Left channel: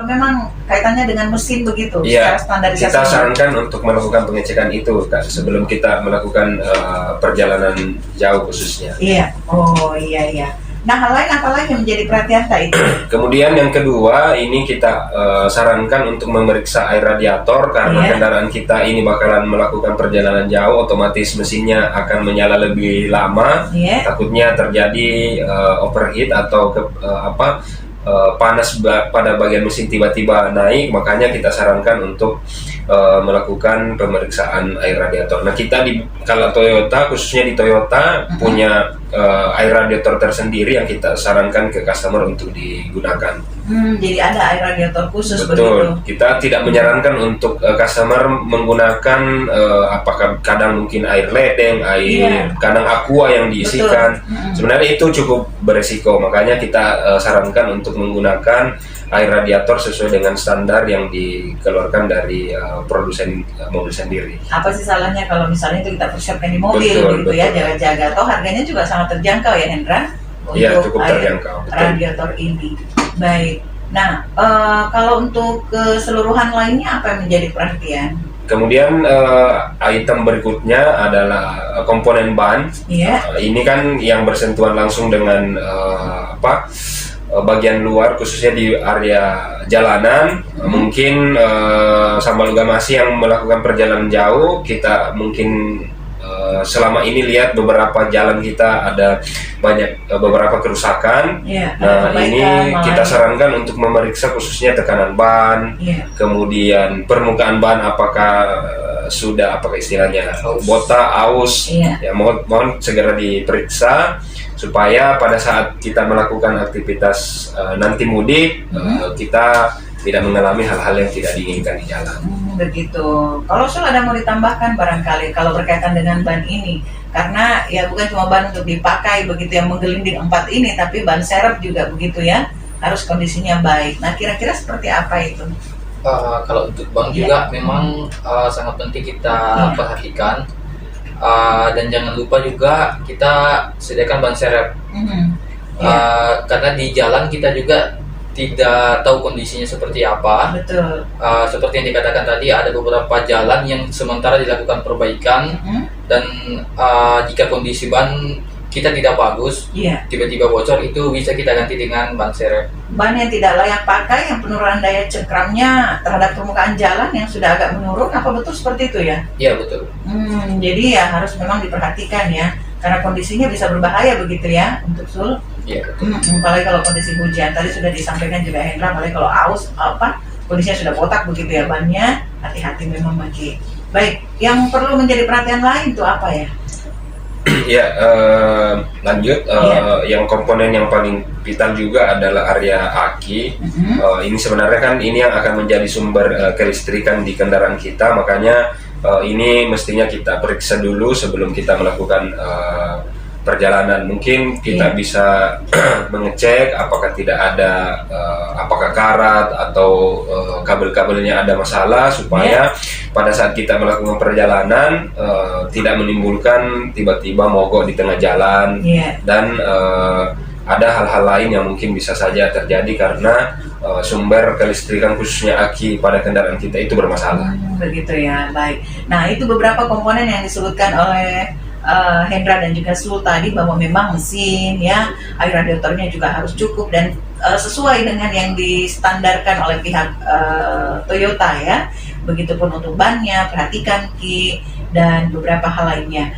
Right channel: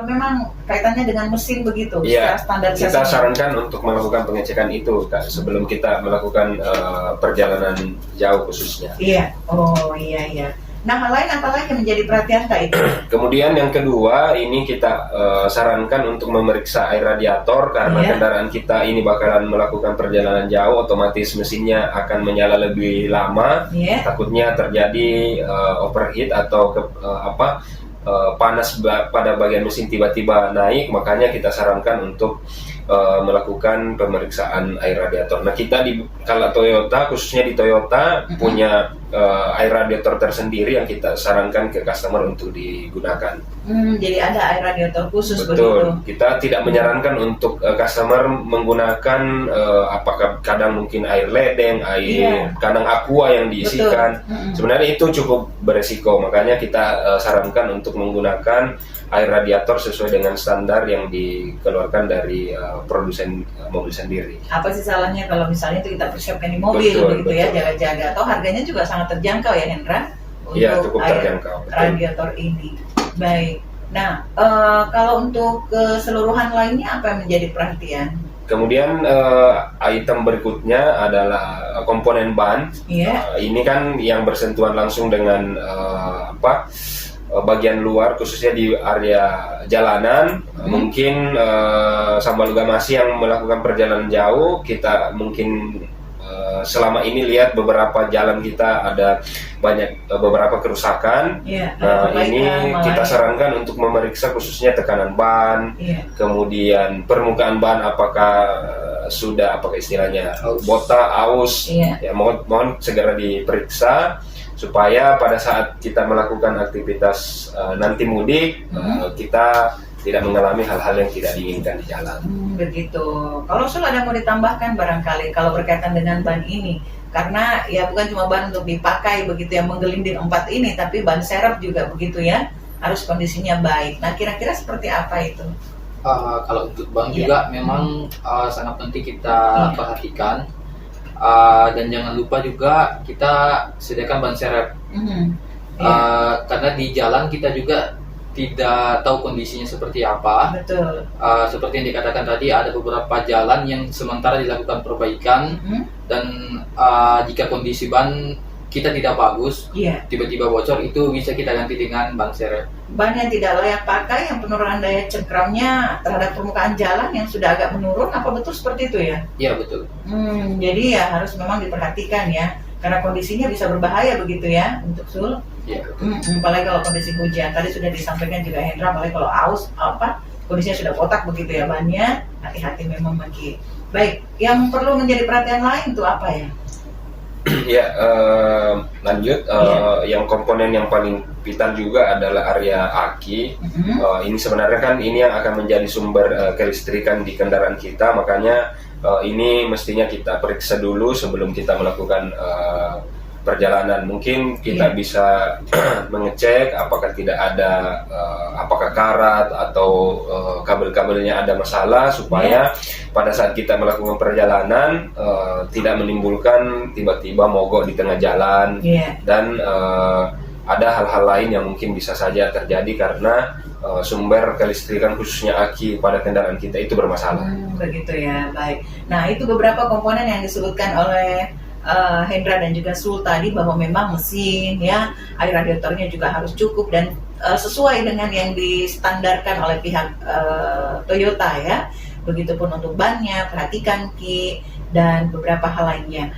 Memang kaitannya dengan mesin begitu, Iya, secara standarisasi. kita sarankan untuk melakukan pengecekan itu Kak, sebelum kita melakukan perjalanan jauh khususnya. Iya, oh iya. Nah, hal lain apa lagi yang menjadi perhatian tak itu? Kemudian yang kedua, ini kita sarankan untuk memeriksa air radiator karena kendaraan kita ini bakalan melakukan perjalanan jauh, otomatis mesinnya akan menyala lebih lama. Takutnya terjadi overheat atau panas pada bagian mesin tiba-tiba naik, makanya kita sarankan untuk melakukan pemeriksaan air radiator. Nah, kita kalau Toyota, khususnya di Toyota punya air radiator tersendiri yang kita sarankan ke customer untuk digunakan. Jadi ada air radiator khusus. Betul. Begitu. Kita tidak menyarankan untuk customer menggunakan apakah kadang mungkin air ledeng, kadang aqua yang diisikan. Sebenarnya itu cukup beresiko, makanya kita sarankan untuk menggunakan air radiator sesuai dengan standar yang dikeluarkan dari produsen mobil sendiri. Apa sih salahnya kalau misalnya itu kita persiapkan di mobil, begitu ya, jaga-jaga. Atau harganya juga sangat terjangkau ya, Hendra? Iya, cukup terjangkau. Radiator ini. Baik. Nah, kalau untuk keseluruhan lainnya apa yang menjadi perhatian? Kemudian item berikutnya adalah komponen ban. Ini kan yang bersentuhan langsung dengan bagian luar, khususnya di area jalanan. Mungkin Sambal Ugamasi yang melakukan perjalanan jauh, kita mungkin selama ini lihat beberapa jalan kita ada banyak beberapa kerusakan. Nah, ini kita sarankan untuk memeriksa khususnya tekanan ban, kemudian permukaan ban apakah sudah istilahnya botak, aus. Ya, mohon segera diperiksa supaya pada saat kita melakukan aktivitas nanti mudik kita tidak mengalami hal-hal yang tidak diinginkan di jalan. Begitu. Kalau ada mau ditambahkan barangkali kalau berkaitan dengan ban ini, karena ya bukan cuma ban untuk dipakai begitu yang menggelinding 4 ini, tapi ban serep juga begitu ya, harus kondisinya baik. Nah, kira-kira seperti apa itu? Kalau untuk ban juga memang sangat penting kita perhatikan. Dan jangan lupa juga kita sediakan ban serep. Karena di jalan kita juga tidak tahu kondisinya seperti apa. Betul. Seperti yang dikatakan tadi, ada beberapa jalan yang sementara dilakukan perbaikan dan jika kondisi ban kita tidak bagus, tiba-tiba bocor, itu bisa kita ganti dengan ban serep. Ban yang tidak layak pakai, yang penurunan daya cengkramnya terhadap permukaan jalan yang sudah agak menurun, apa betul seperti itu ya? Iya, betul. Jadi ya harus memang diperhatikan ya, karena kondisinya bisa berbahaya begitu ya untuk Sul. Iya, betul. Apalagi kalau kondisi hujan, tadi sudah disampaikan juga Hendra, apalagi kalau aus kondisinya sudah botak begitu ya bannya, hati-hati memang Maki. Baik, yang perlu menjadi perhatian lain itu apa ya? Ya, lanjut. Yang komponen yang paling vital juga adalah area aki. Ini sebenarnya kan ini yang akan menjadi sumber kelistrikan di kendaraan kita, makanya ini mestinya kita periksa dulu sebelum kita melakukan perjalanan. Mungkin kita bisa mengecek apakah tidak ada apakah karat atau kabel-kabelnya ada masalah, supaya pada saat kita melakukan perjalanan tidak menimbulkan tiba-tiba mogok di tengah jalan. Dan ada hal-hal lain yang mungkin bisa saja terjadi karena sumber kelistrikan khususnya aki pada kendaraan kita itu bermasalah. Begitu ya, baik. Nah, itu beberapa komponen yang disebutkan oleh Hendra dan juga Sul tadi, bahwa memang mesin ya, air radiatornya juga harus cukup dan sesuai dengan yang distandarkan oleh pihak Toyota ya. Begitupun untuk bannya, perhatikan Ki, dan beberapa hal lainnya.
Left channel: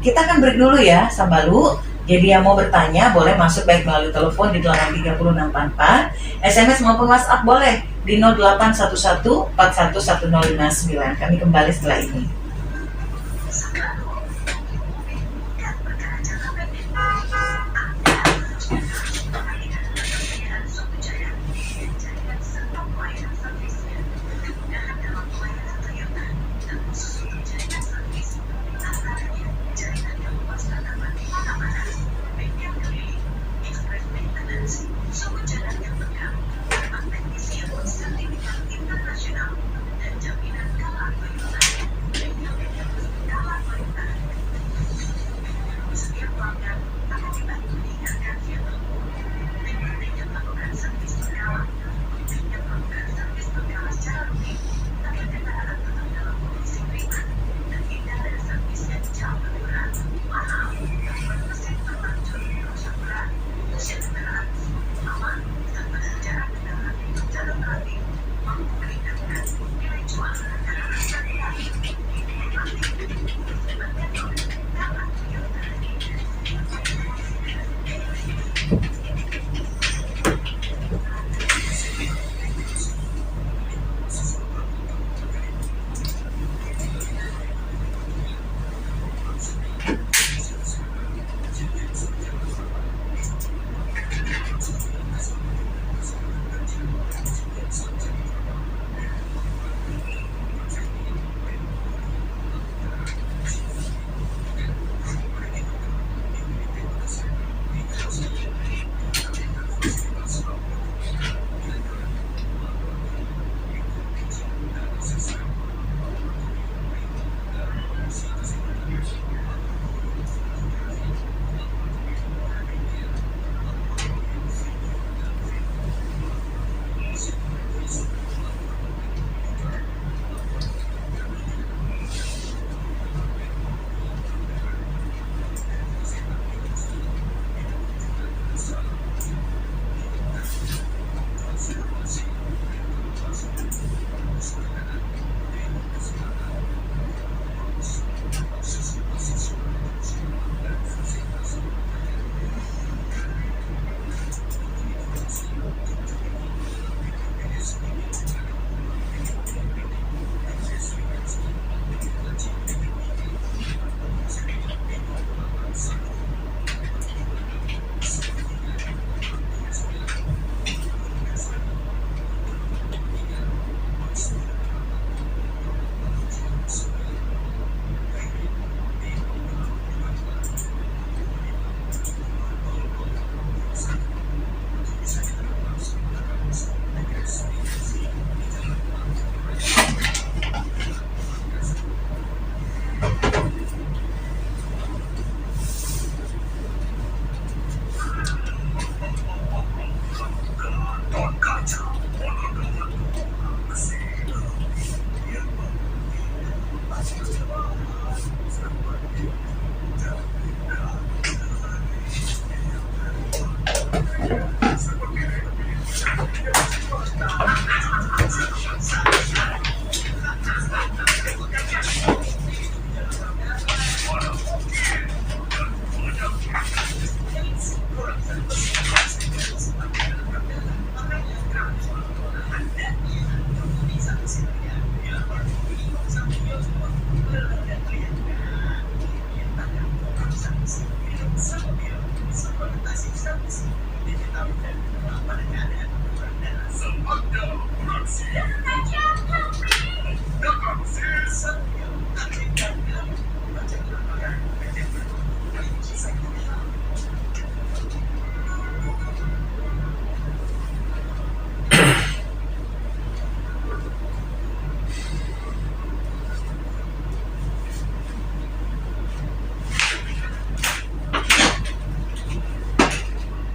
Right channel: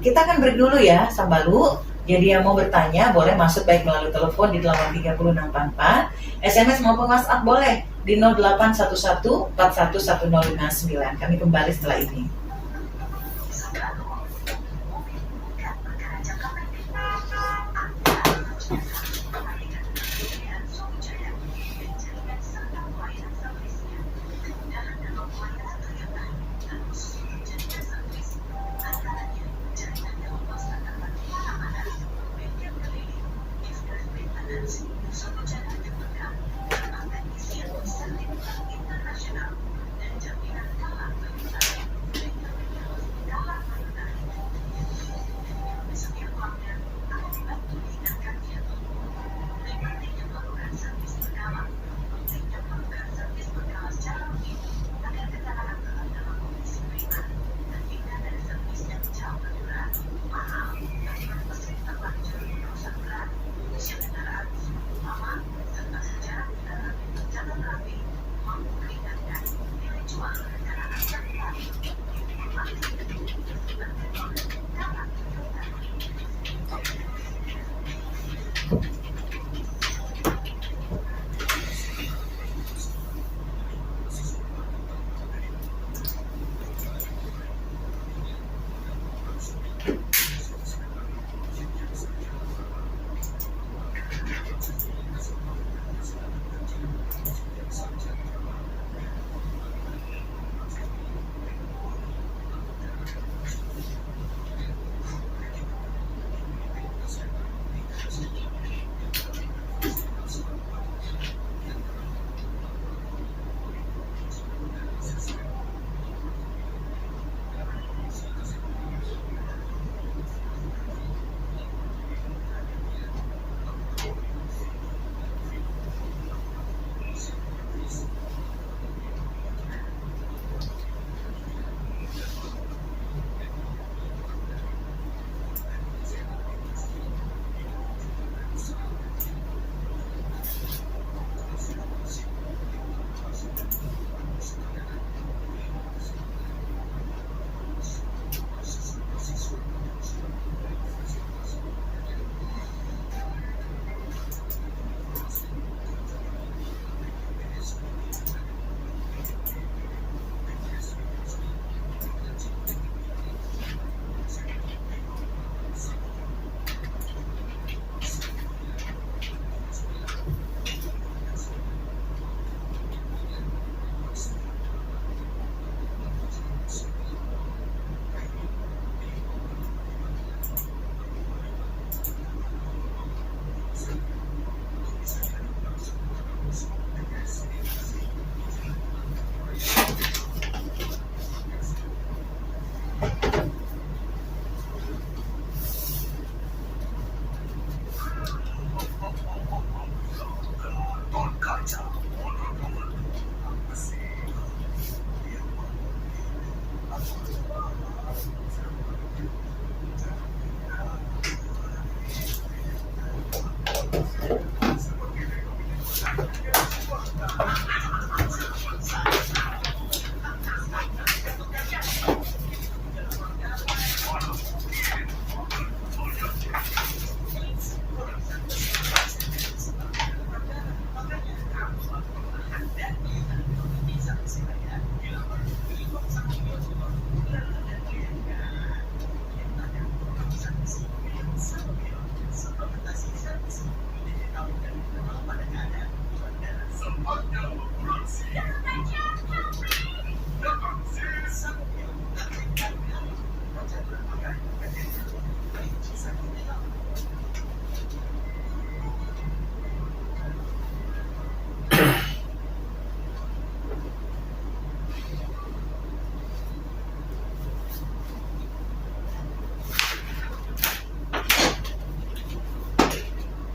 Kita akan break dulu ya, Sambalu. Jadi yang mau bertanya boleh masuk baik melalui telepon di 83064, SMS maupun WhatsApp boleh di 0811411059. Kami kembali setelah ini.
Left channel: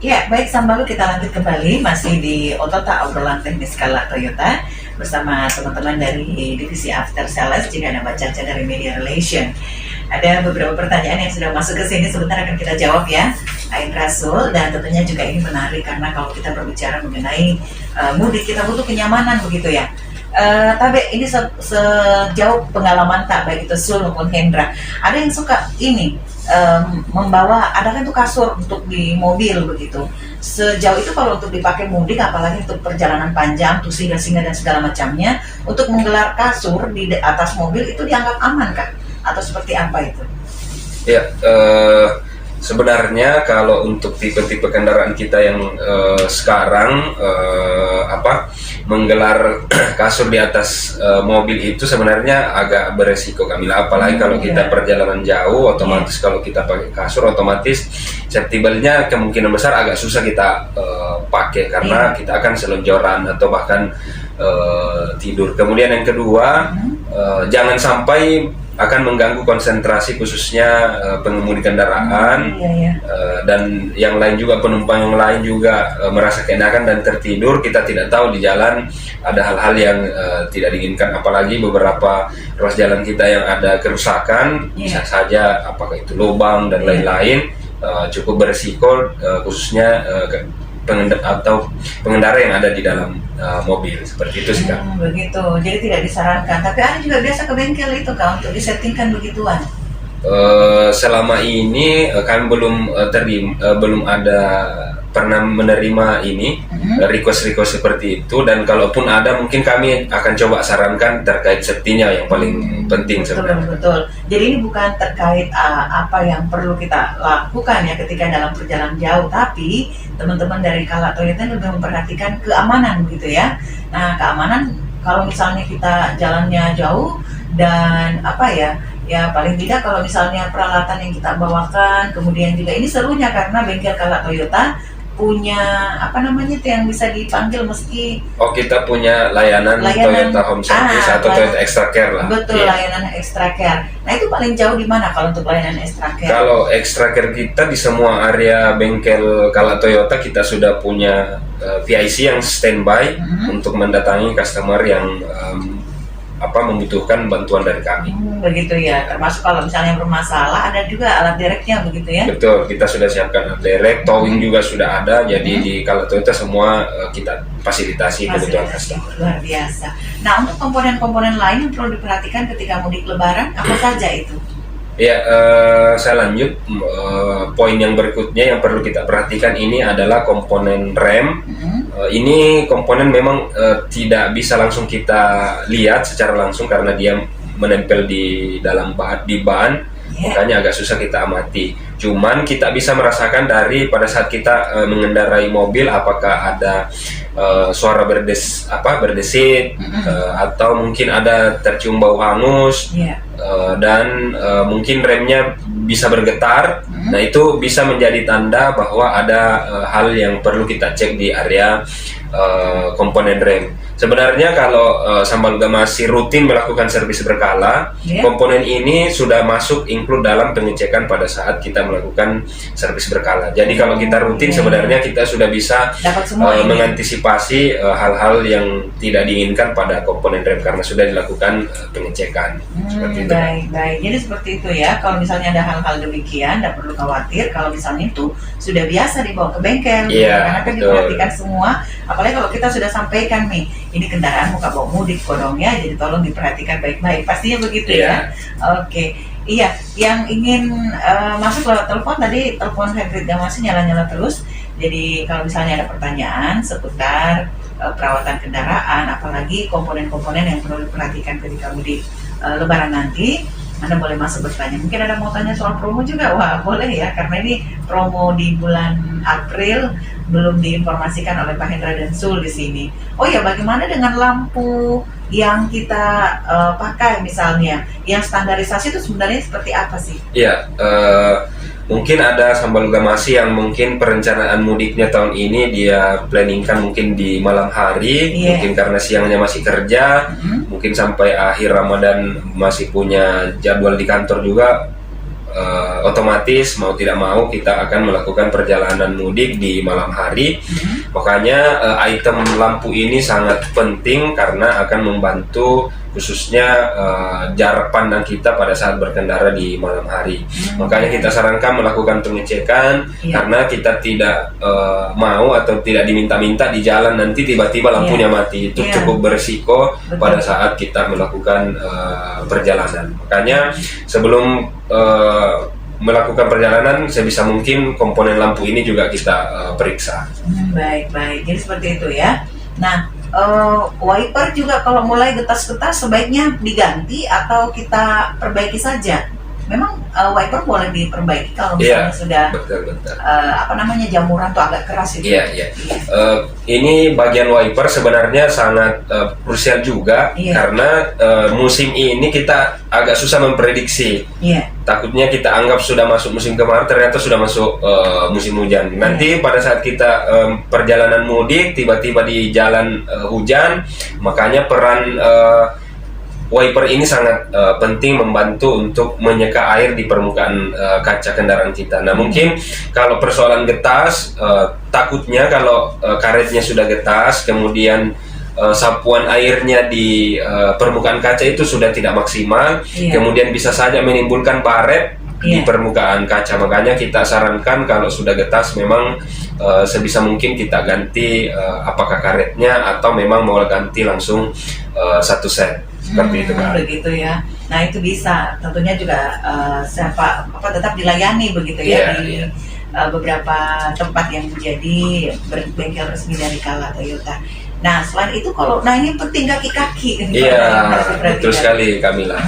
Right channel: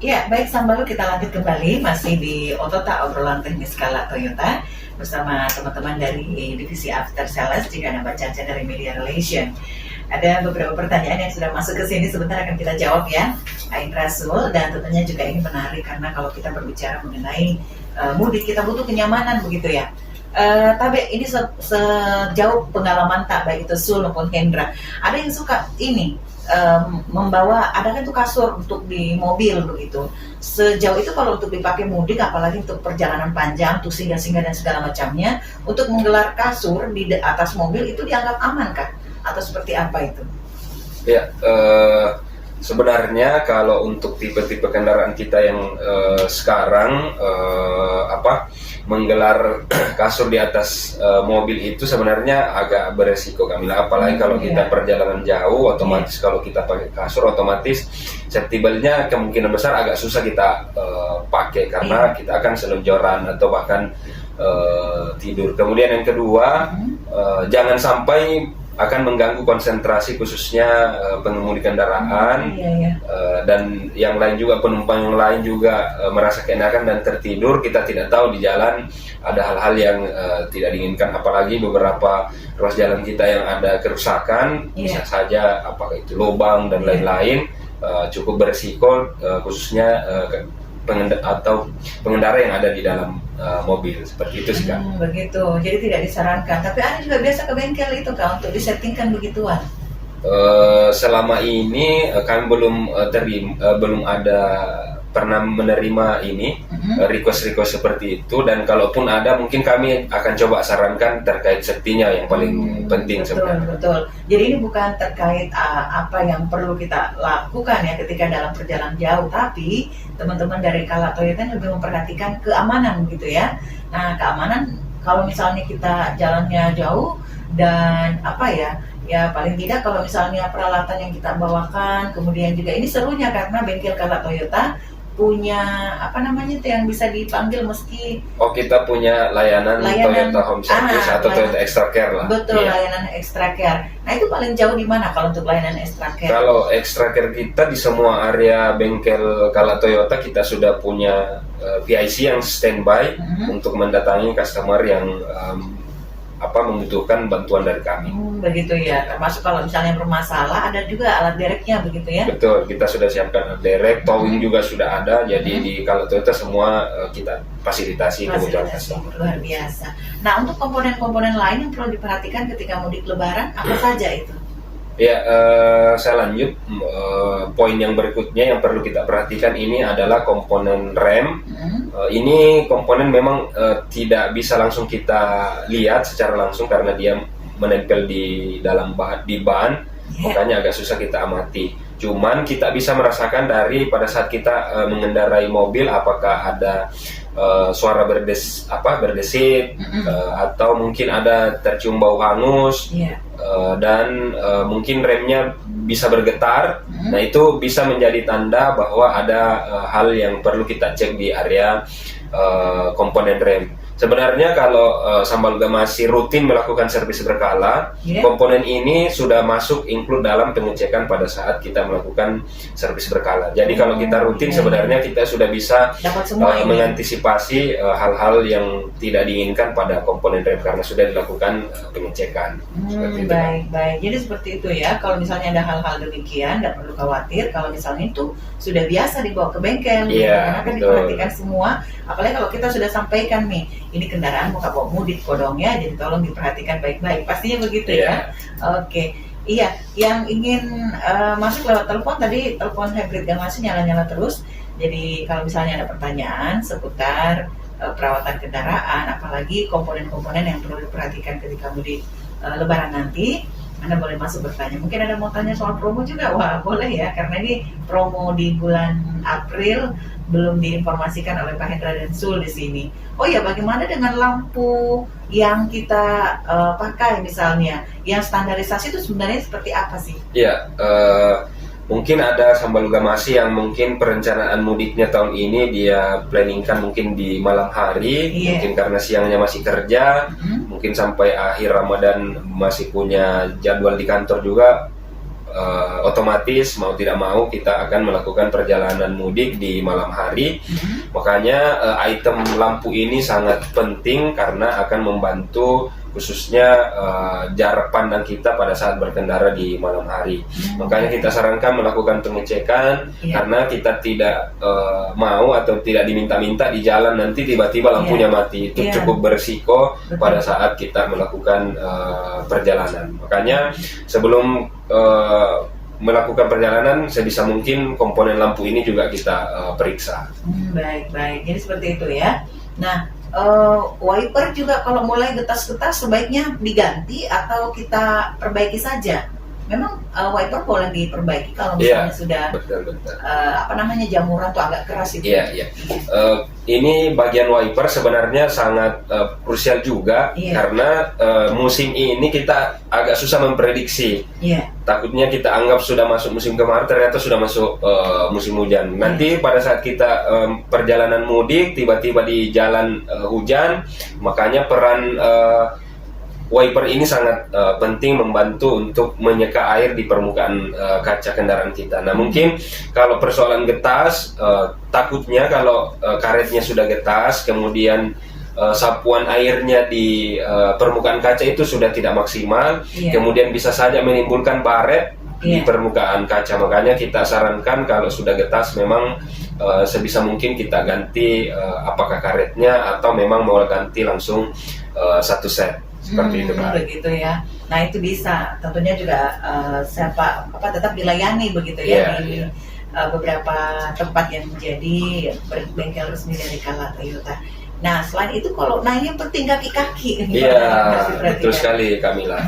Ya, baik Sambalu, kita lanjut kembali masih di Otota, obrolan teknis Kala Toyota bersama teman-teman dari divisi After Sales, juga nama Caca dari Media Relation. Ada beberapa pertanyaan yang sudah masuk ke sini, sebentar akan kita jawab ya, Ain Rasul, dan tentunya juga ini menarik karena kalau kita berbicara mengenai mudik, kita butuh kenyamanan begitu ya. Tabe, ini sejauh pengalaman tak baik itu Sul maupun Hendra, ada yang suka ini membawa, ada kan tuh kasur untuk di mobil begitu. Sejauh itu kalau untuk dipakai mudik, apalagi untuk perjalanan panjang, tuh singgah-singgah dan segala macamnya, untuk menggelar kasur di atas mobil itu dianggap aman kah? Atau seperti apa itu? Ya, sebenarnya kalau untuk tipe-tipe kendaraan kita yang sekarang menggelar kasur di atas mobil itu sebenarnya agak beresiko, Kamila. Apalagi kalau kita perjalanan jauh, otomatis kalau kita pakai kasur, otomatis safety belt-nya kemungkinan besar agak susah kita pakai karena kita akan selonjoran atau bahkan tidur. Kemudian yang kedua, jangan sampai akan mengganggu konsentrasi khususnya pengemudi kendaraan, dan yang lain juga, penumpang yang lain juga merasa keenakan dan tertidur. Kita tidak tahu di jalan ada hal-hal yang tidak diinginkan, apalagi beberapa ruas jalan kita yang ada kerusakan, bisa saja apakah itu lubang dan lain-lain, cukup berisiko, khususnya pengendara yang ada di dalam mobil, seperti itu sih Kak. Begitu, jadi tidak disarankan. Tapi ada juga biasa ke bengkel itu Kak untuk disettingkan begituan. Selama ini kami belum ada pernah menerima ini request seperti itu, dan kalaupun ada mungkin kami akan coba sarankan terkait safety-nya yang paling penting sebenarnya. Betul. Jadi ini bukan terkait apa yang perlu kita lakukan ya ketika dalam perjalanan jauh, tapi teman-teman dari Kala Toyota lebih memperhatikan keamanan gitu ya. Nah, keamanan kalau misalnya kita jalannya jauh dan ya paling tidak kalau misalnya peralatan yang kita bawakan, kemudian juga ini serunya karena bengkel Kala Toyota punya itu yang bisa dipanggil meski kita punya layanan Toyota Home Service atau Toyota Extra Care lah. Betul, layanan Extra Care. Nah, itu paling jauh di mana kalau untuk layanan Extra Care? Kalau Extra Care kita di semua area bengkel Kala Toyota kita sudah punya VIC yang standby untuk mendatangi customer yang membutuhkan bantuan dari kami. Begitu ya, termasuk kalau misalnya bermasalah ada juga alat dereknya begitu ya? Betul, kita sudah siapkan alat derek, towing juga sudah ada, jadi di Kala Toyota semua kita fasilitasi kebutuhan customer. Luar biasa. Nah, untuk komponen-komponen lain yang perlu diperhatikan ketika mudik lebaran, apa saja itu? Ya, saya lanjut, poin yang berikutnya yang perlu kita perhatikan ini adalah komponen rem. Ini komponen memang tidak bisa langsung kita lihat secara langsung karena dia menempel di dalam ban, makanya agak susah kita amati. Cuman kita bisa merasakan dari pada saat kita mengendarai mobil, apakah ada suara berdesit, atau mungkin ada tercium bau hangus, dan mungkin remnya bisa bergetar. Nah, itu bisa menjadi tanda bahwa ada hal yang perlu kita cek di area komponen rem. Sebenarnya kalau Sambalga masih rutin melakukan servis berkala, komponen ini sudah masuk include dalam pengecekan pada saat kita melakukan servis berkala. Jadi kalau kita rutin sebenarnya kita sudah bisa mengantisipasi hal-hal yang tidak diinginkan pada komponen rem karena sudah dilakukan pengecekan. Seperti itu. Baik. Jadi seperti itu ya. Kalau misalnya ada hal-hal demikian, tidak perlu khawatir. Kalau misalnya itu sudah biasa dibawa ke bengkel, karena kan diperhatikan semua. Apalagi kalau kita sudah sampaikan nih, ini kendaraan bukan bawa mudik kodong ya, jadi tolong diperhatikan baik-baik. Pastinya begitu ya. Oke. Iya, yang ingin masuk lewat telepon tadi, telepon hybrid masih nyala-nyala terus. Jadi kalau misalnya ada pertanyaan seputar perawatan kendaraan, apalagi komponen-komponen yang perlu diperhatikan ketika mudik lebaran nanti, Anda boleh masuk bertanya. Mungkin Anda mau tanya soal promo juga, wah boleh ya, karena ini promo di bulan April belum diinformasikan oleh Pak Hendra dan Sul di sini. Oh ya, bagaimana dengan lampu yang kita pakai misalnya, yang standarisasi itu sebenarnya seperti apa sih? Iya, mungkin ada Sambal Gamasi yang mungkin perencanaan mudiknya tahun ini dia planningkan mungkin di malam hari, mungkin karena siangnya masih kerja, mungkin sampai akhir Ramadan masih punya jadwal di kantor juga. Otomatis mau tidak mau kita akan melakukan perjalanan mudik di malam hari. Makanya item lampu ini sangat penting karena akan membantu khususnya jarak pandang kita pada saat berkendara di malam hari. Makanya kita sarankan melakukan pengecekan karena kita tidak mau atau tidak diminta-minta di jalan nanti tiba-tiba lampunya mati. Itu cukup berisiko pada saat kita melakukan perjalanan. Makanya sebelum melakukan perjalanan sebisa mungkin komponen lampu ini juga kita periksa. Baik. Jadi seperti itu ya. Nah, wiper juga kalau mulai getas-getas sebaiknya diganti atau kita perbaiki saja. Memang wiper boleh diperbaiki kalau misalnya sudah betul. jamuran tuh agak keras itu. Iya. Ini bagian wiper sebenarnya sangat krusial juga karena musim ini kita agak susah memprediksi. Takutnya kita anggap sudah masuk musim kemarau, ternyata sudah masuk musim hujan. Nanti pada saat kita perjalanan mudik tiba-tiba di jalan hujan, makanya peran wiper ini sangat penting membantu untuk menyeka air di permukaan kaca kendaraan kita. Nah mungkin kalau persoalan getas, takutnya kalau karetnya sudah getas, kemudian sapuan airnya di permukaan kaca itu sudah tidak maksimal, kemudian bisa saja menimbulkan baret di permukaan kaca. Makanya kita sarankan kalau sudah getas memang sebisa mungkin kita ganti apakah karetnya atau memang mau ganti langsung satu set. Seperti itu kan. Begitu ya. Nah itu bisa tentunya juga tetap dilayani begitu ya di beberapa tempat yang menjadi bengkel resmi dari Kala Toyota. Nah selain itu ini penting kaki-kaki. Iya betul sekali Kamila.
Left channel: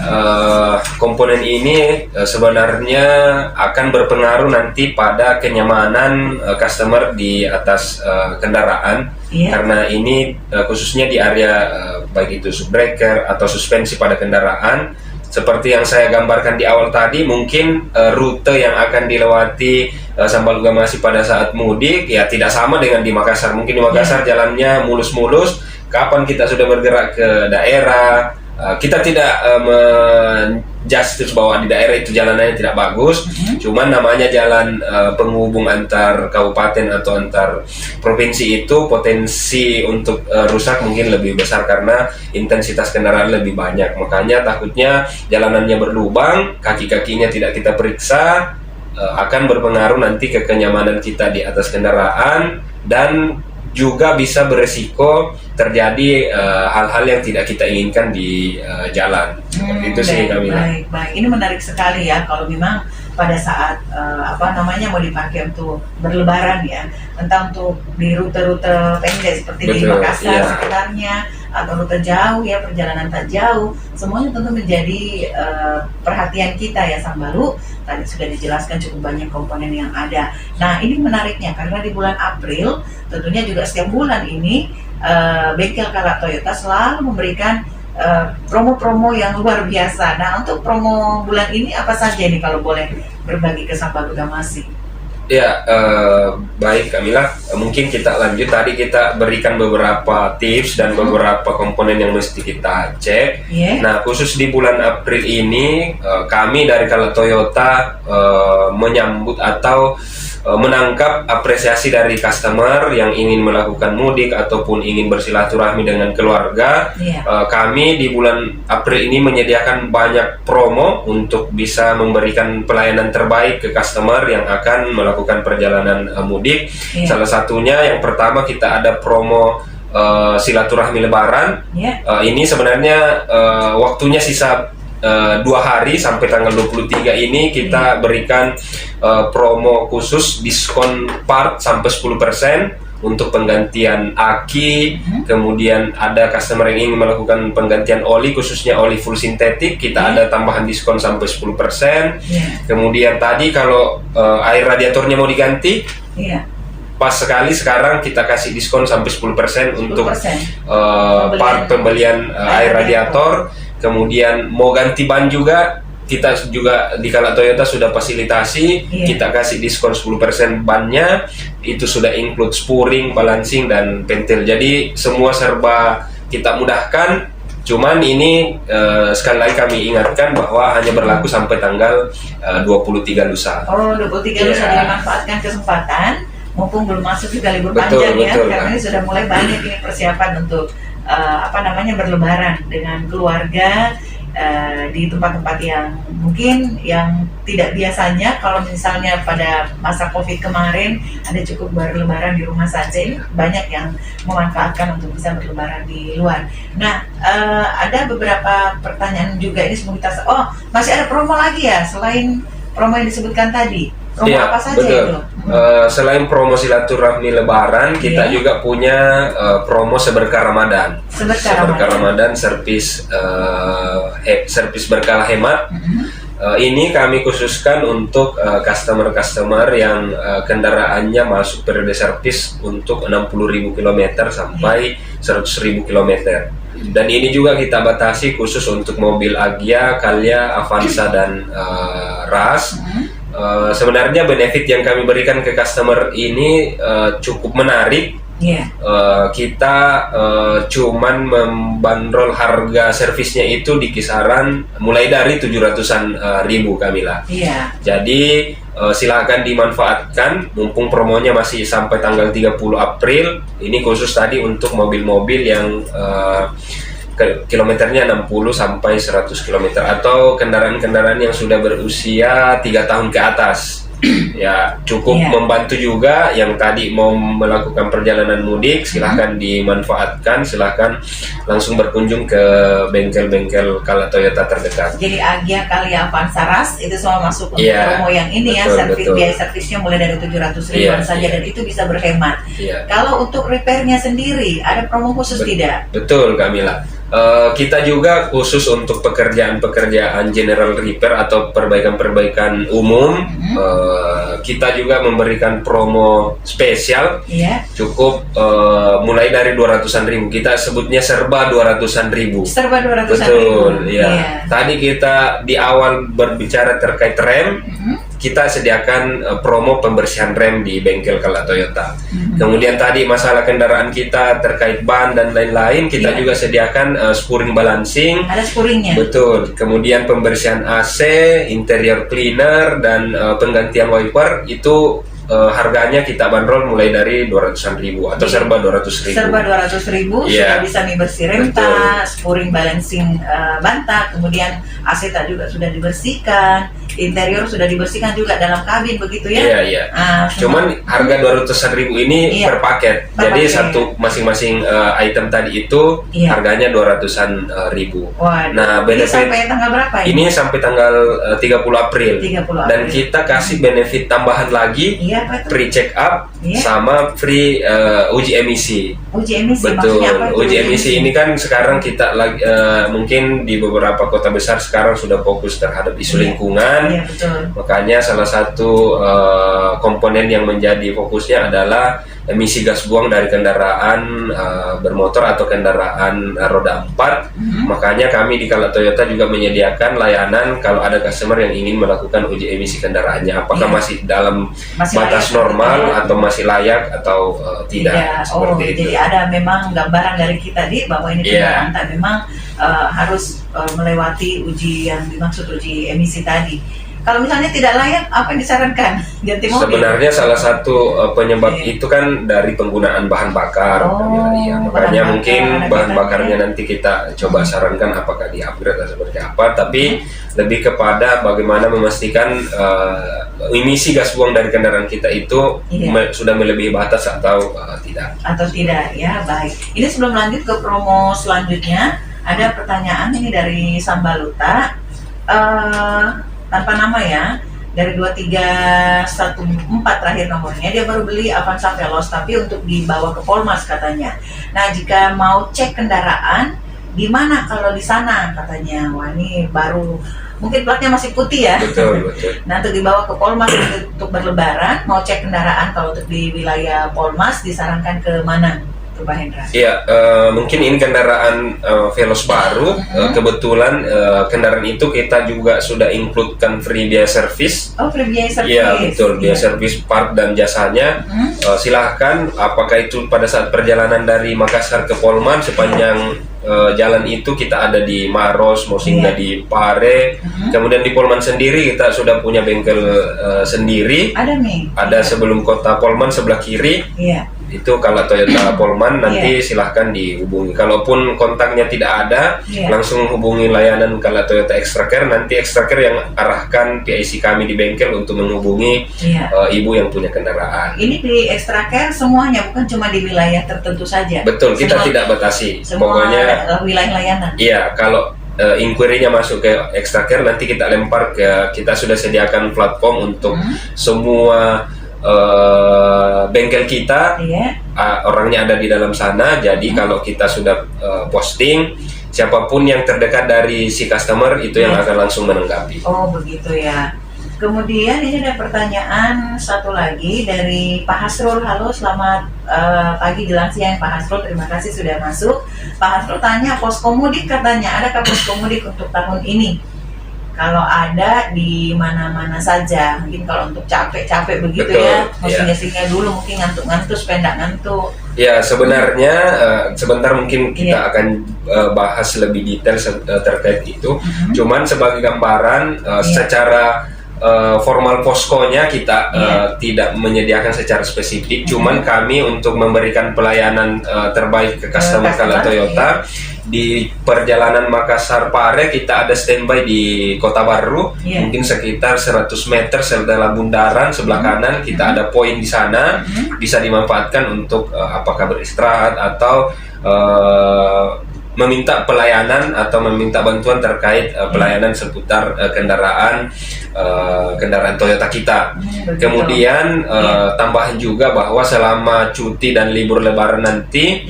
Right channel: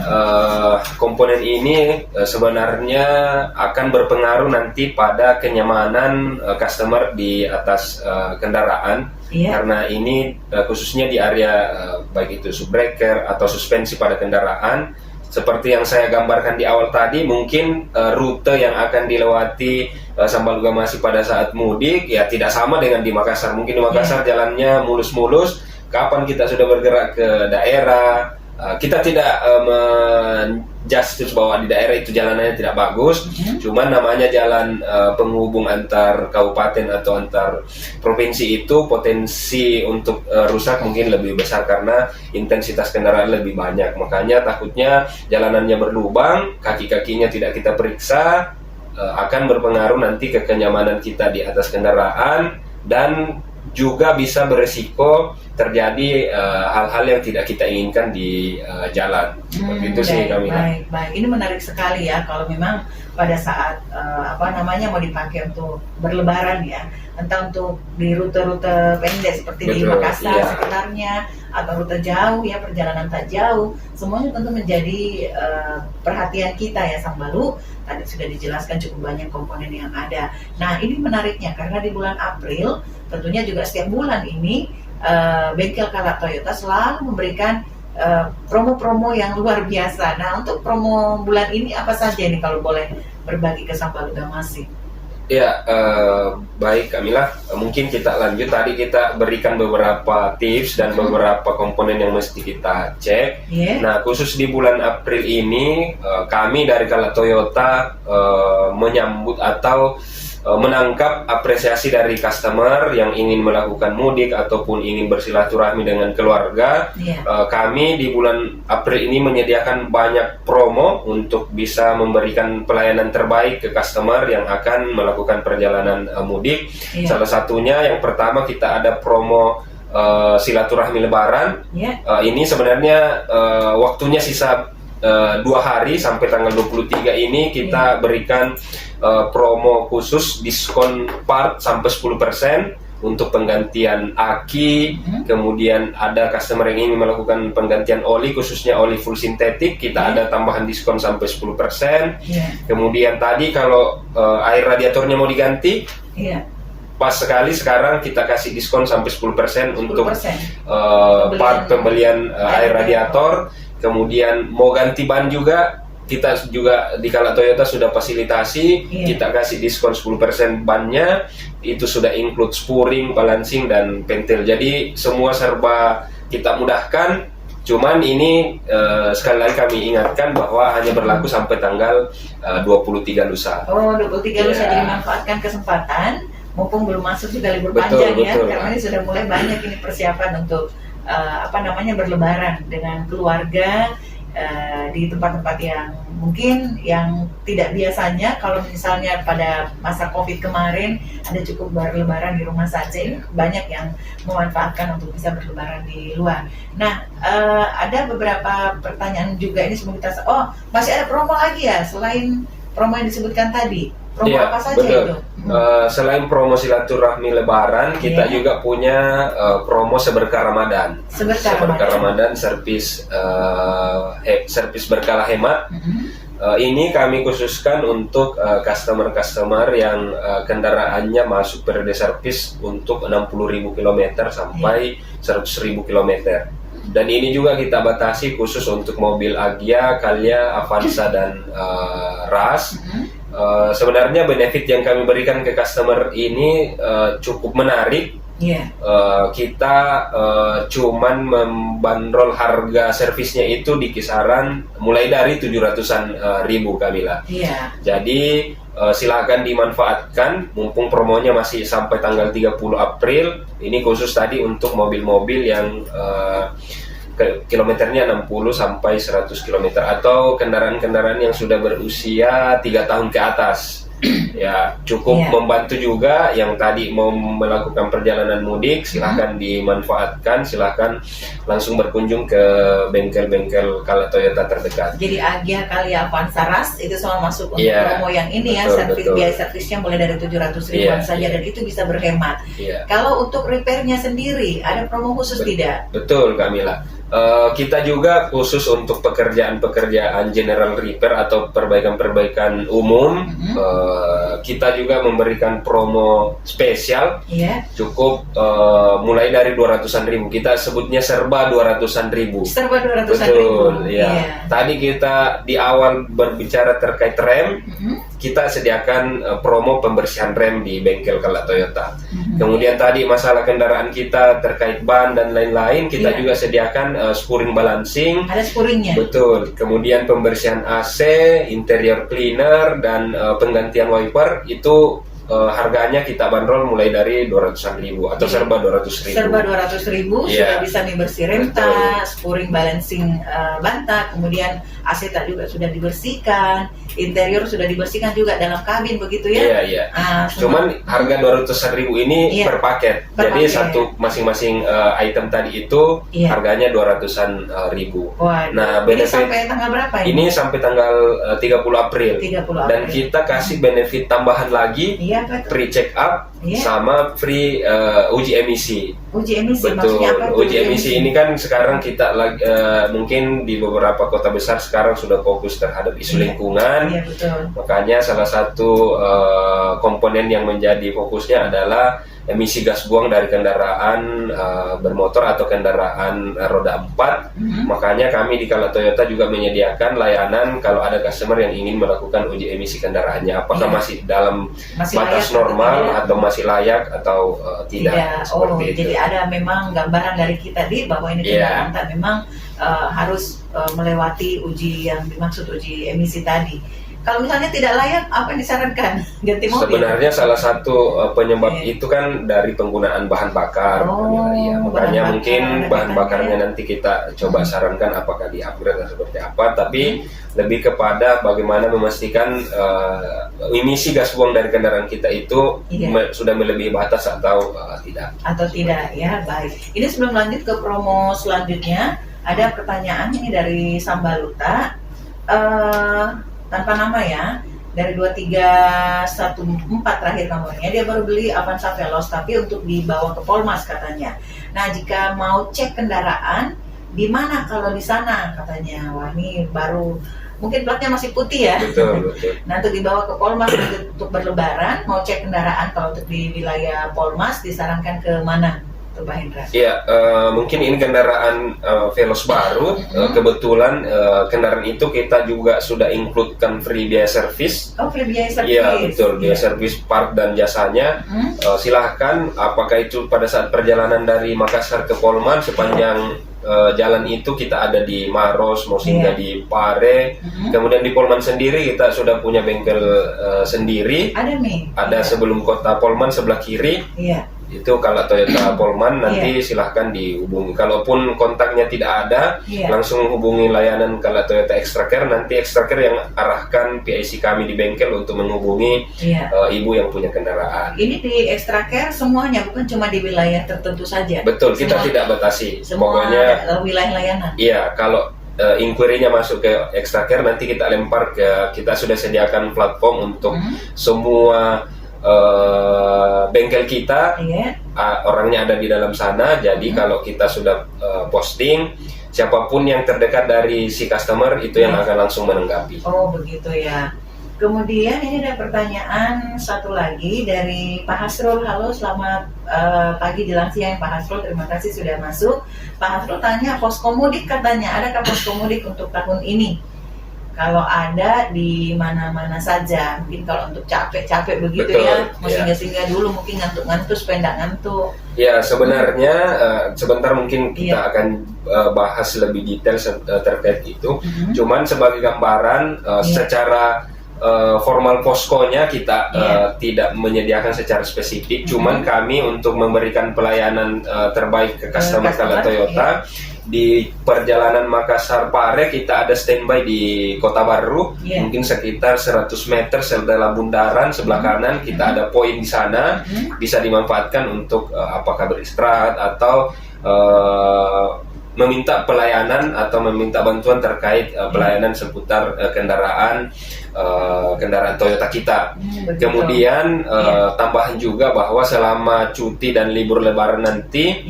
Komponen ini sebenarnya akan berpengaruh nanti pada kenyamanan customer di atas kendaraan. Karena ini khususnya di area baik itu subbreaker atau suspensi pada kendaraan. Seperti yang saya gambarkan di awal tadi, mungkin rute yang akan dilewati Sambal Gamasi pada saat mudik ya tidak sama dengan di Makassar. Mungkin di Makassar jalannya mulus-mulus. Kapan kita sudah bergerak ke daerah, kita tidak menjustis bahwa di daerah itu jalanannya tidak bagus. Cuman namanya jalan penghubung antar kabupaten atau antar provinsi itu potensi untuk rusak mungkin lebih besar karena intensitas kendaraan lebih banyak. Makanya takutnya jalanannya berlubang, kaki-kakinya tidak kita periksa, akan berpengaruh nanti ke kenyamanan kita di atas kendaraan dan juga bisa beresiko terjadi hal-hal yang tidak kita inginkan di jalan. Seperti itu sih kami. Baik. Ini menarik sekali ya kalau memang pada saat mau dipakai untuk berlebaran ya, entah untuk di rute-rute pendek seperti di Makassar sekitarnya atau rute jauh ya, perjalanan tak jauh, semuanya tentu menjadi perhatian kita ya Sambalu. Tadi sudah dijelaskan cukup banyak komponen yang ada. Nah ini menariknya karena di bulan April tentunya juga setiap bulan ini bengkel Kala Toyota selalu memberikan promo-promo yang luar biasa. Nah untuk promo bulan ini apa saja nih kalau boleh berbagi ke Sambal Gamasi? Ya baik Kamila, mungkin kita lanjut. Tadi kita berikan beberapa tips dan beberapa komponen yang mesti kita cek. Nah khusus di bulan April ini kami dari Kala Toyota menyambut atau menangkap apresiasi dari customer yang ingin melakukan mudik ataupun ingin bersilaturahmi dengan keluarga. Kami di bulan April ini menyediakan banyak promo untuk bisa memberikan pelayanan terbaik ke customer yang akan melakukan perjalanan mudik. Salah satunya yang pertama kita ada promo silaturahmi lebaran. Ini sebenarnya waktunya sisa 2 hari sampai tanggal 23 ini kita berikan promo khusus diskon part sampai 10% untuk penggantian aki, kemudian ada customer yang ingin melakukan penggantian oli, khususnya oli full sintetik, kita ada tambahan diskon sampai 10%. Kemudian tadi kalau air radiatornya mau diganti, pas sekali sekarang kita kasih diskon sampai 10% untuk part pembelian air radiator. Kemudian mau ganti ban juga, kita juga di Kala Toyota sudah fasilitasi, kita kasih diskon 10% bannya, itu sudah include spuring, balancing, dan pentil. Jadi semua serba kita mudahkan. Cuman ini sekali lagi kami ingatkan bahwa hanya berlaku sampai tanggal 23 lusa. Oh, 23 lusa, jadi manfaatkan kesempatan, mumpung belum masuk juga libur panjang ya, karena ini sudah mulai banyak ini persiapan untuk berlebaran dengan keluarga. Di tempat-tempat yang mungkin yang tidak biasanya, kalau misalnya pada masa COVID kemarin ada cukup berlebaran di rumah saja, ini banyak yang memanfaatkan untuk bisa berlebaran di luar. Nah, ada beberapa pertanyaan juga ini sebelum kita, masih ada promo lagi ya selain promo yang disebutkan tadi? Promo apa saja itu? Selain promo silaturahmi Lebaran, kita juga punya promo seberkah Ramadan. Seberkah Ramadan, servis berkala hemat. Ini kami khususkan untuk customer-customer yang kendaraannya masuk periode servis untuk 60.000 km sampai 100.000 km. Dan ini juga kita batasi khusus untuk mobil Agya, Calya, Avanza, dan Ras. Sebenarnya benefit yang kami berikan ke customer ini cukup menarik. Kita cuman membandrol harga servisnya itu di kisaran mulai dari 700-an ribu, Kamila. Jadi silakan dimanfaatkan mumpung promonya masih sampai tanggal 30 April. Ini khusus tadi untuk mobil-mobil yang kilometernya 60 sampai 100 km atau kendaraan-kendaraan yang sudah berusia 3 tahun ke atas. Ya, cukup membantu juga. Yang tadi mau melakukan perjalanan mudik, silahkan dimanfaatkan, silahkan langsung berkunjung ke bengkel-bengkel Kala Toyota terdekat. Jadi Agya, Calya, Avanza, Ras itu semua masuk untuk promo yang ini, biaya servisnya mulai dari 700 ribuan saja, dan itu bisa berhemat. Kalau untuk repairnya sendiri ada promo khusus tidak? Betul, Kamila. Kita juga khusus untuk pekerjaan-pekerjaan general repair atau perbaikan-perbaikan umum, kita juga memberikan promo spesial, cukup mulai dari 200-an ribu. Kita sebutnya serba 200-an ribu. Serba 200-an ribu. Betul, Tadi kita di awal berbicara terkait rem, kita sediakan promo pembersihan rem di bengkel Kala Toyota. Kemudian tadi masalah kendaraan kita terkait ban dan lain-lain, kita juga sediakan spuring balancing. Ada spuringnya. Betul. Kemudian pembersihan AC, interior cleaner, dan penggantian wiper itu harganya kita bandrol mulai dari 200-an ribu atau serba 200 ribu. Serba 200 ribu sudah bisa nih bersih remta, spuring balancing banta, kemudian AC tadi juga sudah dibersihkan, interior sudah dibersihkan juga dalam kabin, begitu ya? Iya. Cuman harga 200-an ribu ini per paket. Jadi satu masing-masing item tadi itu harganya 200-an ribu. Nah, benefit ini sampai tanggal berapa ini? Ini sampai tanggal 30 April. Dan kita kasih benefit tambahan lagi, free check up sama free uji emisi. Uji emisi. Betul. Maksudnya apa? Uji emisi ini kan sekarang kita lagi mungkin di beberapa kota besar sekarang sudah fokus terhadap isu lingkungan. Makanya salah satu komponen yang menjadi fokusnya adalah emisi gas buang dari kendaraan bermotor atau kendaraan roda 4. Makanya kami di Kala Toyota juga menyediakan layanan kalau ada customer yang ingin melakukan uji emisi kendaraannya, apakah masih dalam batas normal atau masih layak atau tidak. Seperti itu. Jadi ada memang gambaran dari kita bahwa ini kendaraan memang harus melewati uji yang dimaksud uji emisi tadi. Kalau misalnya tidak layak, apa yang disarankan? Ganti mobil? Sebenarnya salah satu penyebab itu kan dari penggunaan bahan bakar. Makanya mungkin bahan bakarnya nanti kita coba sarankan apakah di-upgrade atau seperti apa. Tapi lebih kepada bagaimana memastikan emisi gas buang dari kendaraan kita itu sudah melebihi batas atau tidak. Atau tidak, ya baik. Ini sebelum lanjut ke promo selanjutnya, ada pertanyaan ini dari Sambaluta. Tanpa nama ya, dari 2314 terakhir nomornya, dia baru beli Avanza Veloz, tapi untuk dibawa ke Polmas katanya. Nah, jika mau cek kendaraan, di mana kalau di sana katanya? Wah, ini baru, mungkin platnya masih putih ya. Betul. Nah, untuk dibawa ke Polmas untuk berlebaran, mau cek kendaraan kalau untuk di wilayah Polmas disarankan ke mana? Pak Hendra? Iya, mungkin ini kendaraan Veloz baru. Kebetulan kendaraan itu kita juga sudah includekan free biaya service. Oh, free biaya service. Iya, betul. Biaya service part dan jasanya. Silahkan, apakah itu pada saat perjalanan dari Makassar ke Polman, sepanjang jalan itu kita ada di Maros, mau singgah di Pare. Kemudian di Polman sendiri kita sudah punya bengkel sendiri. Ada nih. Ada sebelum kota Polman sebelah kiri. Iya. Itu kalau Toyota Polman nanti silahkan dihubungi. Kalaupun kontaknya tidak ada, langsung hubungi layanan kalau Toyota Extra Care. Nanti Extra Care yang arahkan PIC kami di bengkel untuk menghubungi ibu yang punya kendaraan. Ini di Extra Care semuanya, bukan cuma di wilayah tertentu saja. Betul, kita tidak batasi. Pokoknya wilayah layanan. Iya, kalau inquiry-nya masuk ke Extra Care, nanti kita lempar ke, kita sudah sediakan platform untuk semua bengkel kita, orangnya ada di dalam sana. Jadi kalau kita sudah posting, siapapun yang terdekat dari si customer itu yang akan langsung menanggapi. Oh, begitu ya. Kemudian ini ada pertanyaan satu lagi dari Pak Hasrul. Halo, selamat pagi jelang siang Pak Hasrul, terima kasih sudah masuk. Pak Hasrul tanya, poskomudik katanya, adakah poskomudik untuk tahun ini? Kalau ada, di mana-mana saja. Mungkin kalau untuk capek-capek begitu. Betul, ya, mau singgah-singgah dulu, mungkin ngantuk-ngantuk supaya nggak ngantuk. Ya, sebenarnya sebentar mungkin kita akan bahas lebih detail terkait itu. Cuman sebagai gambaran, secara formal poskonya kita tidak menyediakan secara spesifik. Cuman kami untuk memberikan pelayanan terbaik ke customer kalau Toyota. Di perjalanan Makassar Pare kita ada standby di Kota Baru, mungkin sekitar 100 meter setelah bundaran sebelah kanan kita ada poin di sana, bisa dimanfaatkan untuk apakah beristirahat atau meminta pelayanan atau meminta bantuan terkait pelayanan seputar kendaraan Toyota kita. Kemudian tambahan juga bahwa selama cuti dan libur lebaran nanti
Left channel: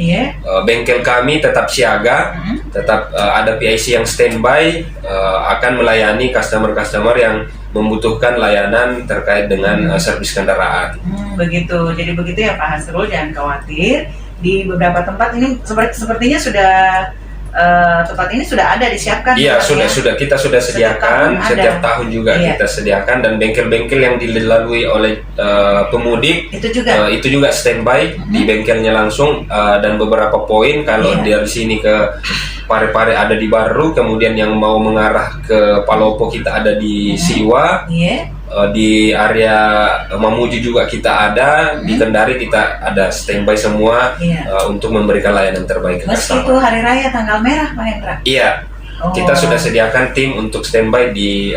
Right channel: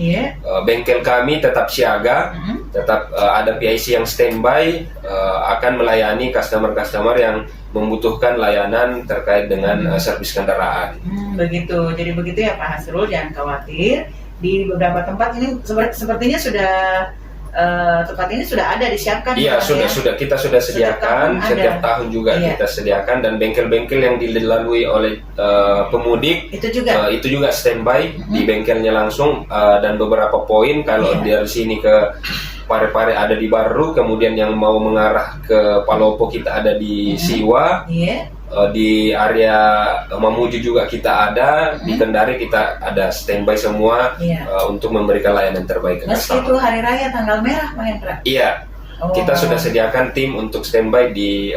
bengkel kami tetap siaga, tetap ada PIC yang standby, akan melayani customer-customer yang membutuhkan layanan terkait dengan servis kendaraan. Begitu, jadi begitu ya Pak Hasrul, jangan khawatir. Di beberapa tempat ini sepertinya sudah tempat ini sudah ada disiapkan. Iya, sudah kita sudah sediakan setiap tahun juga kita sediakan, dan bengkel-bengkel yang dilalui oleh pemudik itu juga standby di bengkelnya langsung, dan beberapa poin kalau dari sini ke Pare-Pare ada di Baru, kemudian yang mau mengarah ke Palopo kita ada di Siwa. Di area Mamuju juga kita ada, di Kendari kita ada standby semua untuk memberikan layanan terbaik ke customer. Meski itu hari raya tanggal merah Pak Hendra? Iya, kita sudah sediakan tim untuk standby di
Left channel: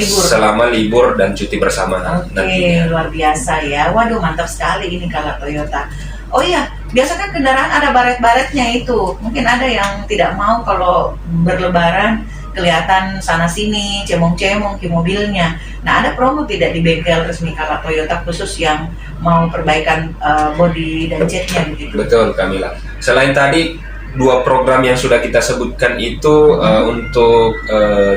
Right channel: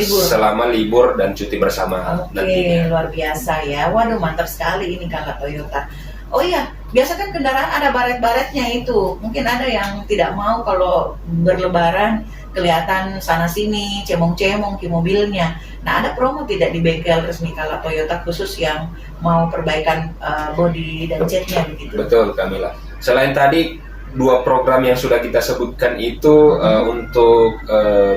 selama libur dan cuti bersama nantinya. Luar biasa ya, waduh mantap sekali ini kalau Toyota. Oh iya, biasa kan kendaraan ada baret-baretnya itu, mungkin ada yang tidak mau kalau berlebaran kelihatan sana sini cemong-cemong di mobilnya. Nah, ada promo tidak di bengkel resmi kalau Toyota khusus yang mau perbaikan bodi dan catnya begitu? Betul, Kamila. Selain tadi 2 program yang sudah kita sebutkan itu untuk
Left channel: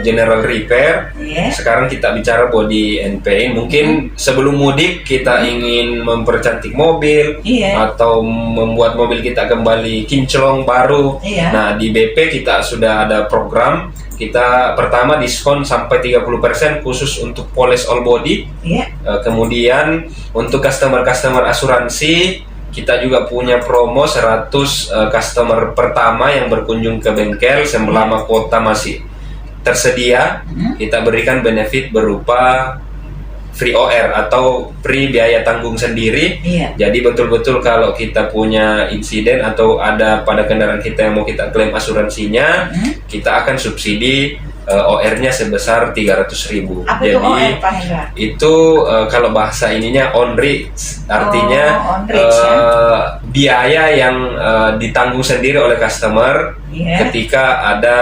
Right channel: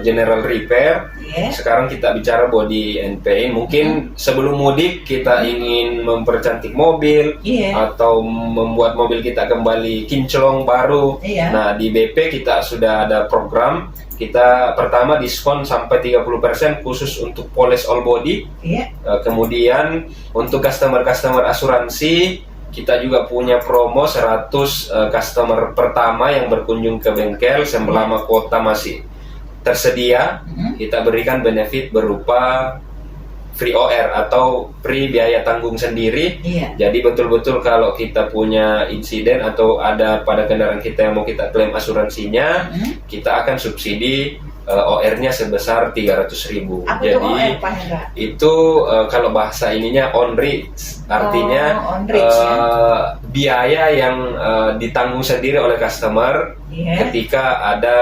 general repair, sekarang kita bicara body and paint. Mungkin sebelum mudik kita ingin mempercantik mobil atau membuat mobil kita kembali kinclong baru. Nah, di BP kita sudah ada program. Kita pertama diskon sampai 30% khusus untuk polish all body. Kemudian untuk customer asuransi kita juga punya promo 100 customer pertama yang berkunjung ke bengkel selama kuota masih tersedia. Kita berikan benefit berupa free OR atau free biaya tanggung sendiri. Jadi betul-betul kalau kita punya insiden atau ada pada kendaraan kita yang mau kita klaim asuransinya, kita akan subsidi OR-nya sebesar 300.000. Apa jadi itu OR, Pak Hendra? Itu kalau bahasa ininya on risk, artinya biaya yang ditanggung sendiri oleh customer ketika ada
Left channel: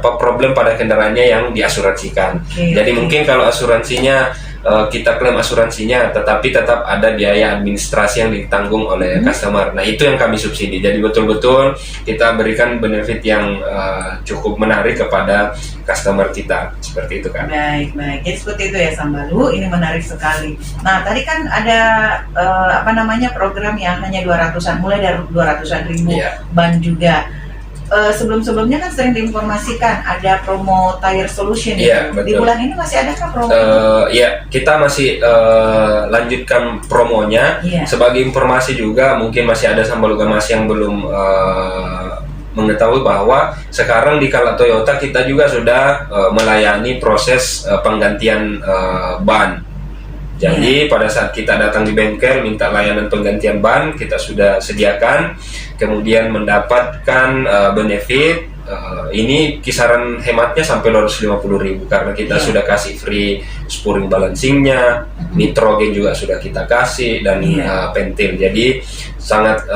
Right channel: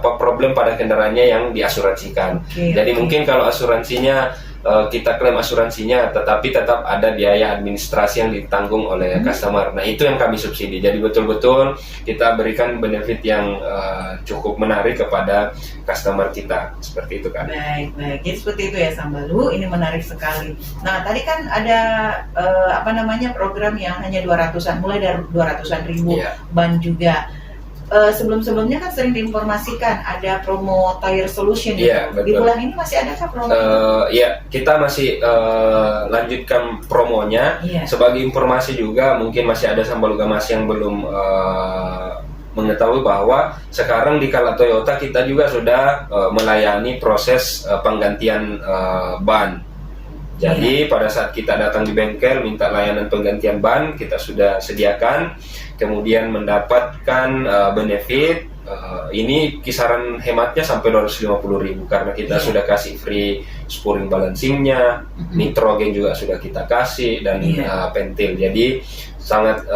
problem pada kendaraannya yang diasuransikan. Jadi mungkin kalau asuransinya kita klaim asuransinya, tetapi tetap ada biaya administrasi yang ditanggung oleh customer. Nah, itu yang kami subsidi. Jadi betul-betul kita berikan benefit yang cukup menarik kepada customer kita. Seperti itu kan. Baik. Jadi seperti itu ya Sambalu, ini menarik sekali. Nah, tadi kan ada program yang hanya 200-an, mulai dari 200-an ribu, ban juga. Sebelum-sebelumnya kan sering diinformasikan ada promo tire solution itu. Di bulan ini masih adakah promo itu? Kita masih lanjutkan promonya. Sebagai informasi juga, mungkin masih ada Sambalu Gamas yang belum mengetahui bahwa sekarang di Kala Toyota kita juga sudah melayani proses penggantian ban. Jadi pada saat kita datang di bengkel minta layanan penggantian ban, kita sudah sediakan, kemudian mendapatkan benefit. Ini kisaran hematnya sampai 250.000 karena kita sudah kasih free spurring balancingnya, nitrogen juga sudah kita kasih, dan pentil. Jadi sangat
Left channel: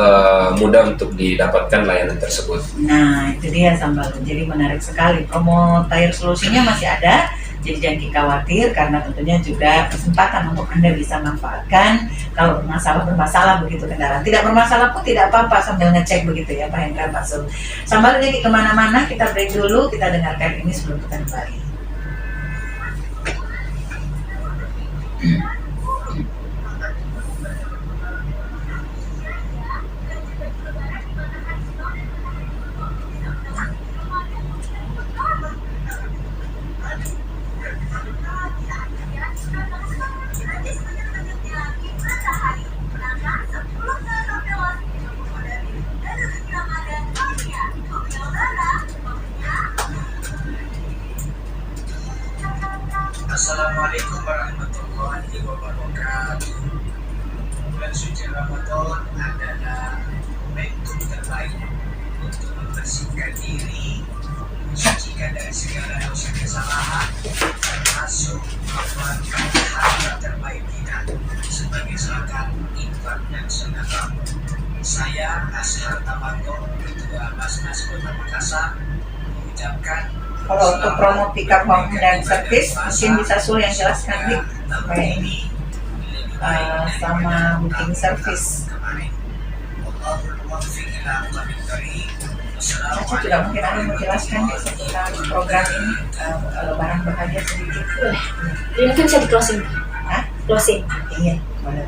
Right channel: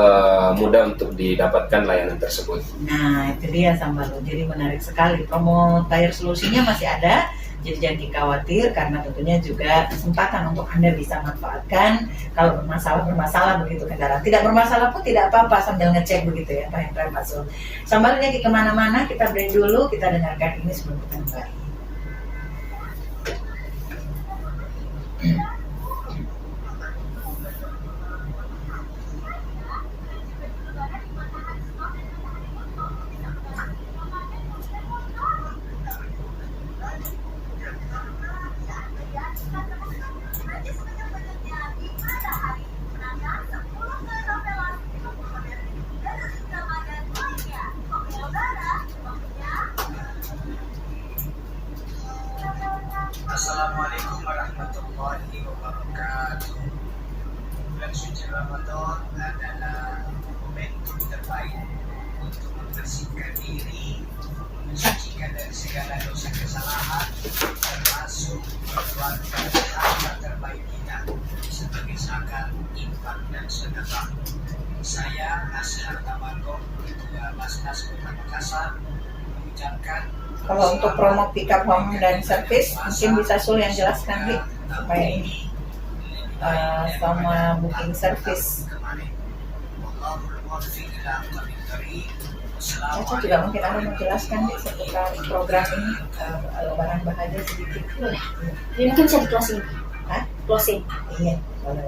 mudah untuk didapatkan layanan tersebut. Nah, itu dia Sambalu. Jadi menarik sekali, promo tire solusinya masih ada. Jadi jangan khawatir, karena tentunya juga kesempatan untuk Anda bisa manfaatkan kalau bermasalah begitu kendaraan. Tidak bermasalah pun tidak apa-apa, sambil ngecek begitu ya Pak Hendra, Pak Sul. Sambil jadi kemana-mana, kita break dulu, kita dengarkan ini sebelum kita kembali. Assalamualaikum warahmatullahi wabarakatuh. Bulan suci Ramadan adalah momentum terbaik untuk membersihkan diri, mensucikan dari segala dosa kesalahan, termasuk mengeluarkan harta terbaik kita sebagai zakat, infak, dan sedekah. Saya Ashar Tamanto, Ketua Basnas Kota Makassar, mengucapkan kalau untuk promo pickup home dan service, mungkin bisa Sul yang jelaskan, Dik, kayak ini sama booking service. Caca juga mungkin akan menjelaskan Dik seputar program ini, Lebaran Bahagia sedikit. Ini mungkin bisa di closing. Closing. Iya, boleh.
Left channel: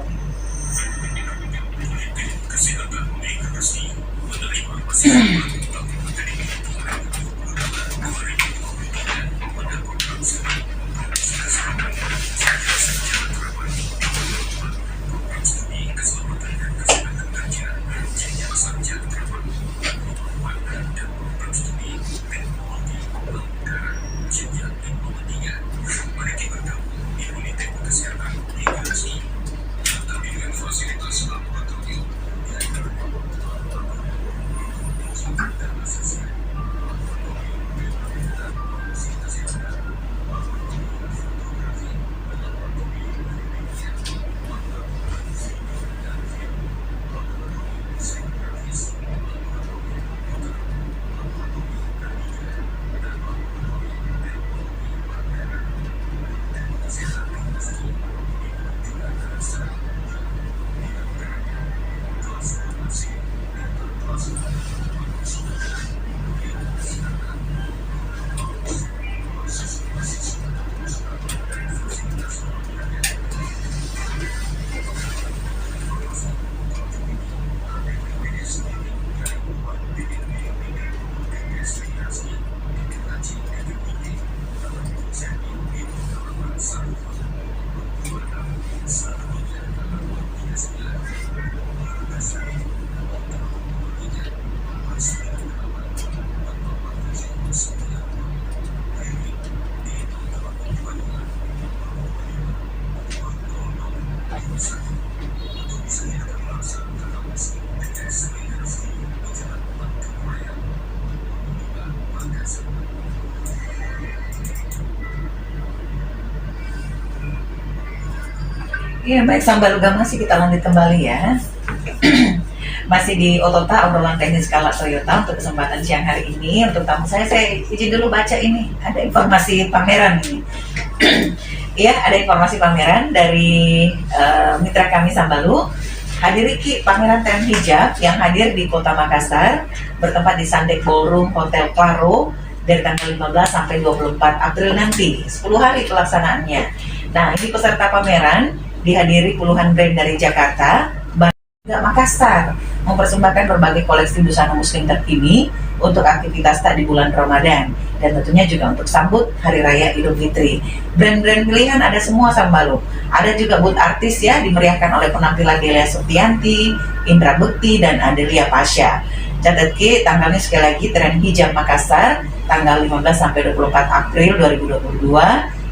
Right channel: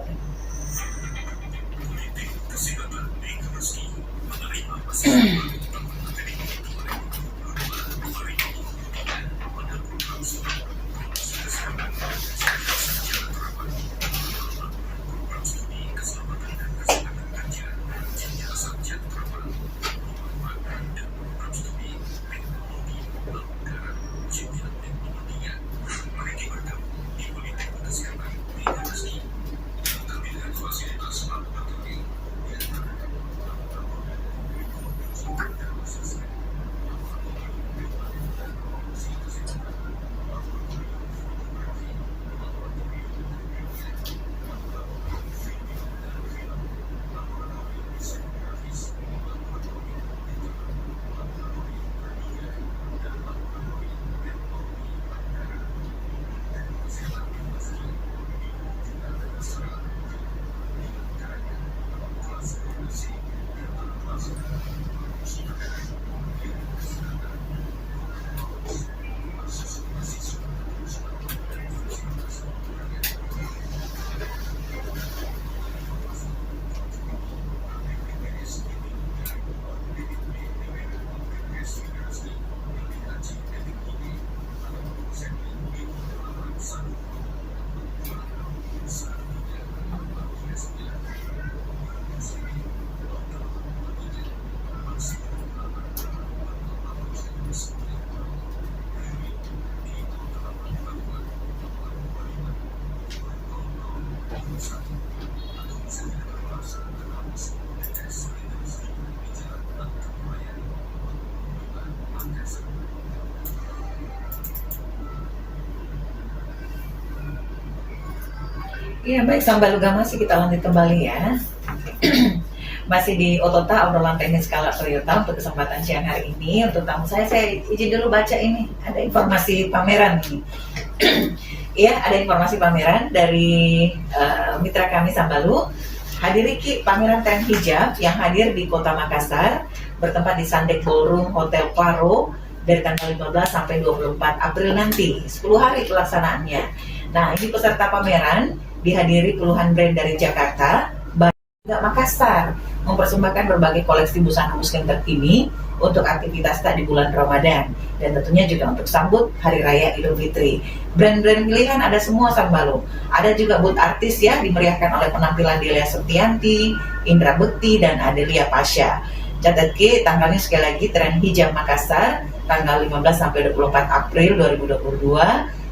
Iya, baik Sambalu Gamas, kita lanjut kembali ya. masih di Otota, obrolan teknis Kala Toyota untuk kesempatan siang hari ini. Untuk tamu saya izin dulu baca ini, ada informasi pameran ini. Ya, ada informasi pameran dari mitra kami Sambalu. Hadiri Ki pameran tren hijab yang hadir di Kota Makassar, bertempat di Sandek Ballroom Hotel Claro dari tanggal 15 sampai 24 April nanti, 10 hari pelaksanaannya. Nah, ini peserta pameran dihadiri puluhan brand dari Jakarta, juga Makassar, mempersembahkan berbagai koleksi busana muslim terkini untuk aktivitas tak di bulan Ramadan dan tentunya juga untuk sambut Hari Raya Idul Fitri. Brand-brand pilihan ada semua Sambalu. Ada juga booth artis ya, dimeriahkan oleh penampilan Delia Septianti, Indra Bekti, dan Adelia Pasha. Catat Ki, tanggalnya sekali lagi tren hijab Makassar, tanggal 15 sampai 24 April 2022,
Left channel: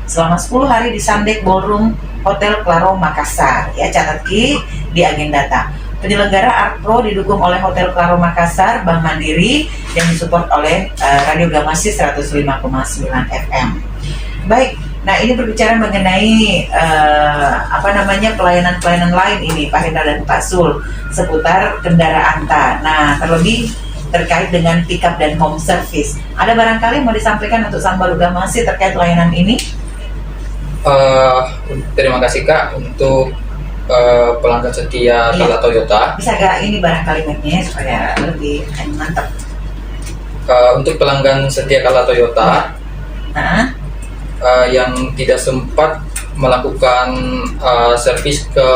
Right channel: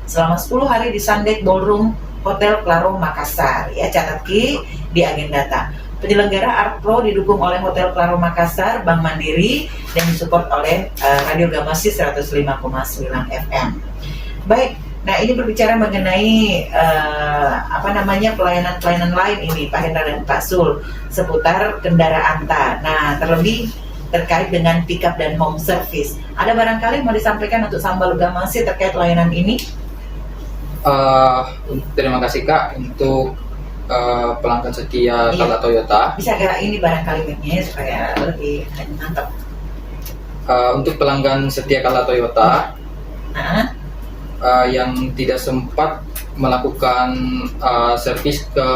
selama 10 hari di Sandek Ballroom Hotel Claro Makassar. Ya, catat Ki di agenda. Penyelenggara Art Pro didukung oleh Hotel Claro Makassar, Bank Mandiri, dan disupport oleh Radio Gamasi 105,9 FM. Baik, nah ini berbicara mengenai pelayanan-pelayanan lain ini Pak Hendra dan Pak Sul seputar kendaraan ta. Nah, terlebih terkait dengan pickup dan home service. Ada barangkali mau disampaikan untuk Sambalu Gamasi terkait layanan ini? Terima kasih Kak untuk pelanggan setia Kala Toyota. Bisa gak ini barang kalimatnya supaya lebih mantap? Untuk pelanggan setia Kala Toyota yang tidak sempat melakukan servis ke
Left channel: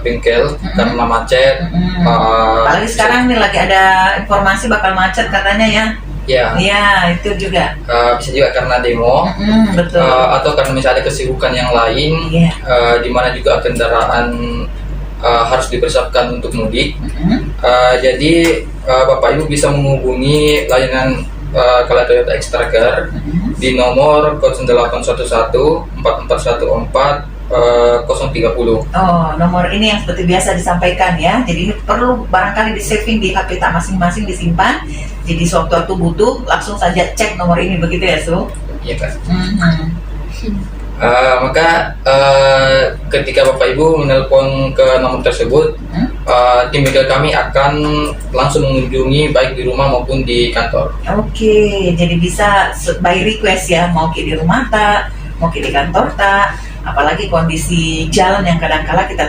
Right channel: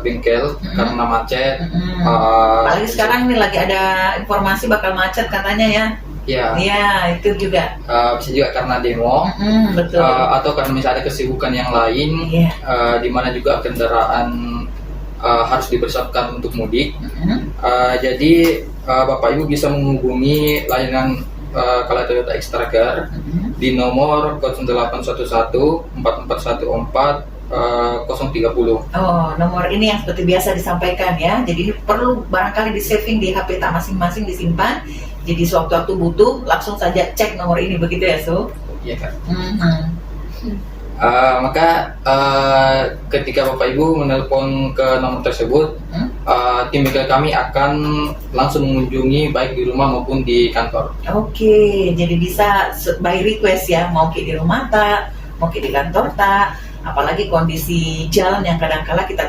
bengkel karena macet. Apalagi sekarang nih lagi ada informasi bakal macet katanya ya. Iya, itu juga. Bisa juga karena demo, betul. Atau karena misalnya ada kesibukan yang lain, di mana juga kendaraan harus dipersiapkan untuk mudik. Jadi Bapak Ibu bisa menghubungi layanan Kala Toyota Extra Care di nomor 0811 4414 030. Oh, nomor ini yang seperti biasa disampaikan ya. Jadi ini perlu barangkali di saving di HP tak masing-masing, disimpan. Jadi sewaktu butuh langsung saja cek nomor ini, begitu ya Su? Iya Kak. Maka ketika Bapak Ibu menelpon ke nomor tersebut, tim legal kami akan langsung mengunjungi baik di rumah maupun di kantor. Oke, jadi bisa by request ya, mau di rumah tak, mau di kantor tak. Apalagi kondisi jalan yang kadang-kala kita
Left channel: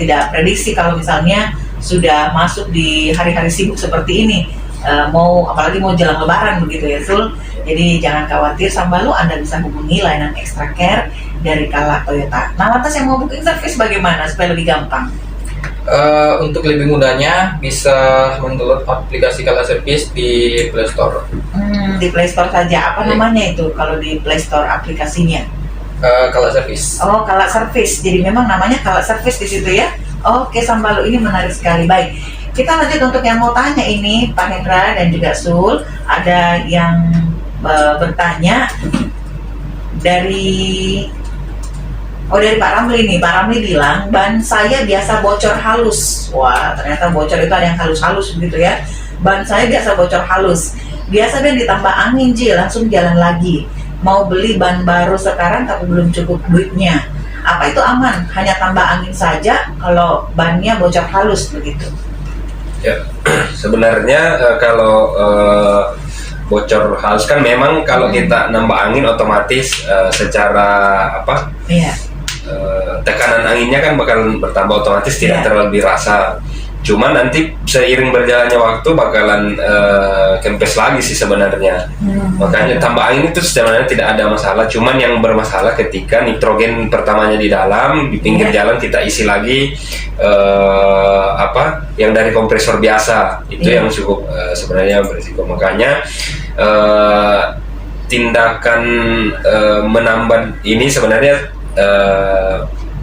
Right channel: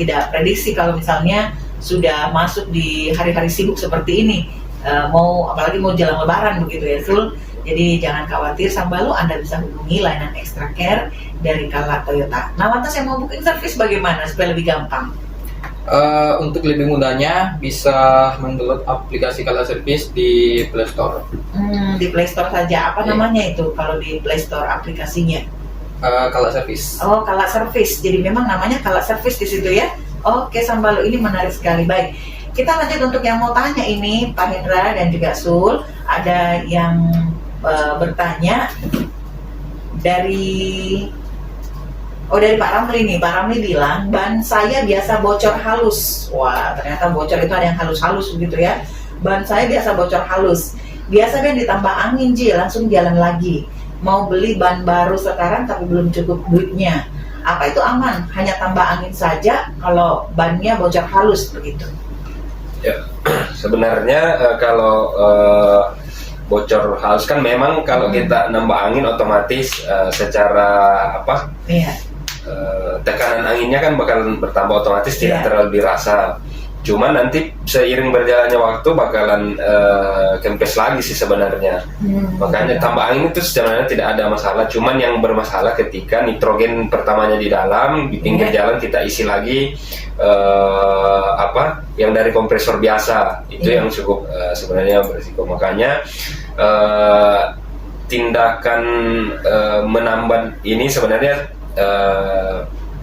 tidak prediksi kalau misalnya sudah masuk di hari-hari sibuk seperti ini, apalagi mau jalan lebaran begitu ya Sul. Jadi jangan khawatir Sambalu, Anda bisa hubungi layanan Extra Care dari Kala Toyota. Nah, lantas yang mau booking service bagaimana supaya lebih gampang? Untuk lebih mudahnya bisa mendownload aplikasi Kala Service di Play Store. Di Play Store saja. Apa namanya itu kalau di Play Store aplikasinya? Kala Service. Oh, Kala Service. Jadi memang namanya Kala Service di situ ya. Oke, Sambalu, ini menarik sekali. Baik, kita lanjut untuk yang mau tanya ini, Pak Hendra dan juga Sul. Ada yang bertanya dari Pak Ramli nih. Pak Ramli bilang ban saya biasa bocor halus. Wah, ternyata bocor itu ada yang halus-halus begitu ya. Ban saya biasa bocor halus. Biasanya ditambah angin langsung jalan lagi. Mau beli ban baru sekarang tapi belum cukup duitnya. Apa itu aman? Hanya tambah angin saja kalau bannya bocor halus begitu? Ya, sebenarnya kalau bocor halus kan memang kalau kita nambah angin otomatis secara tekanan anginnya kan bakal bertambah, otomatis tidak terlalu dirasa. Cuma nanti seiring berjalannya waktu bakalan kempes lagi sih sebenarnya. Makanya tambah angin itu sebenarnya tidak ada masalah. Cuman yang bermasalah ketika nitrogen pertamanya di dalam, di pinggir jalan kita isi lagi yang dari kompresor biasa. Itu yang cukup sebenarnya berisiko. Makanya tindakan menambah ini sebenarnya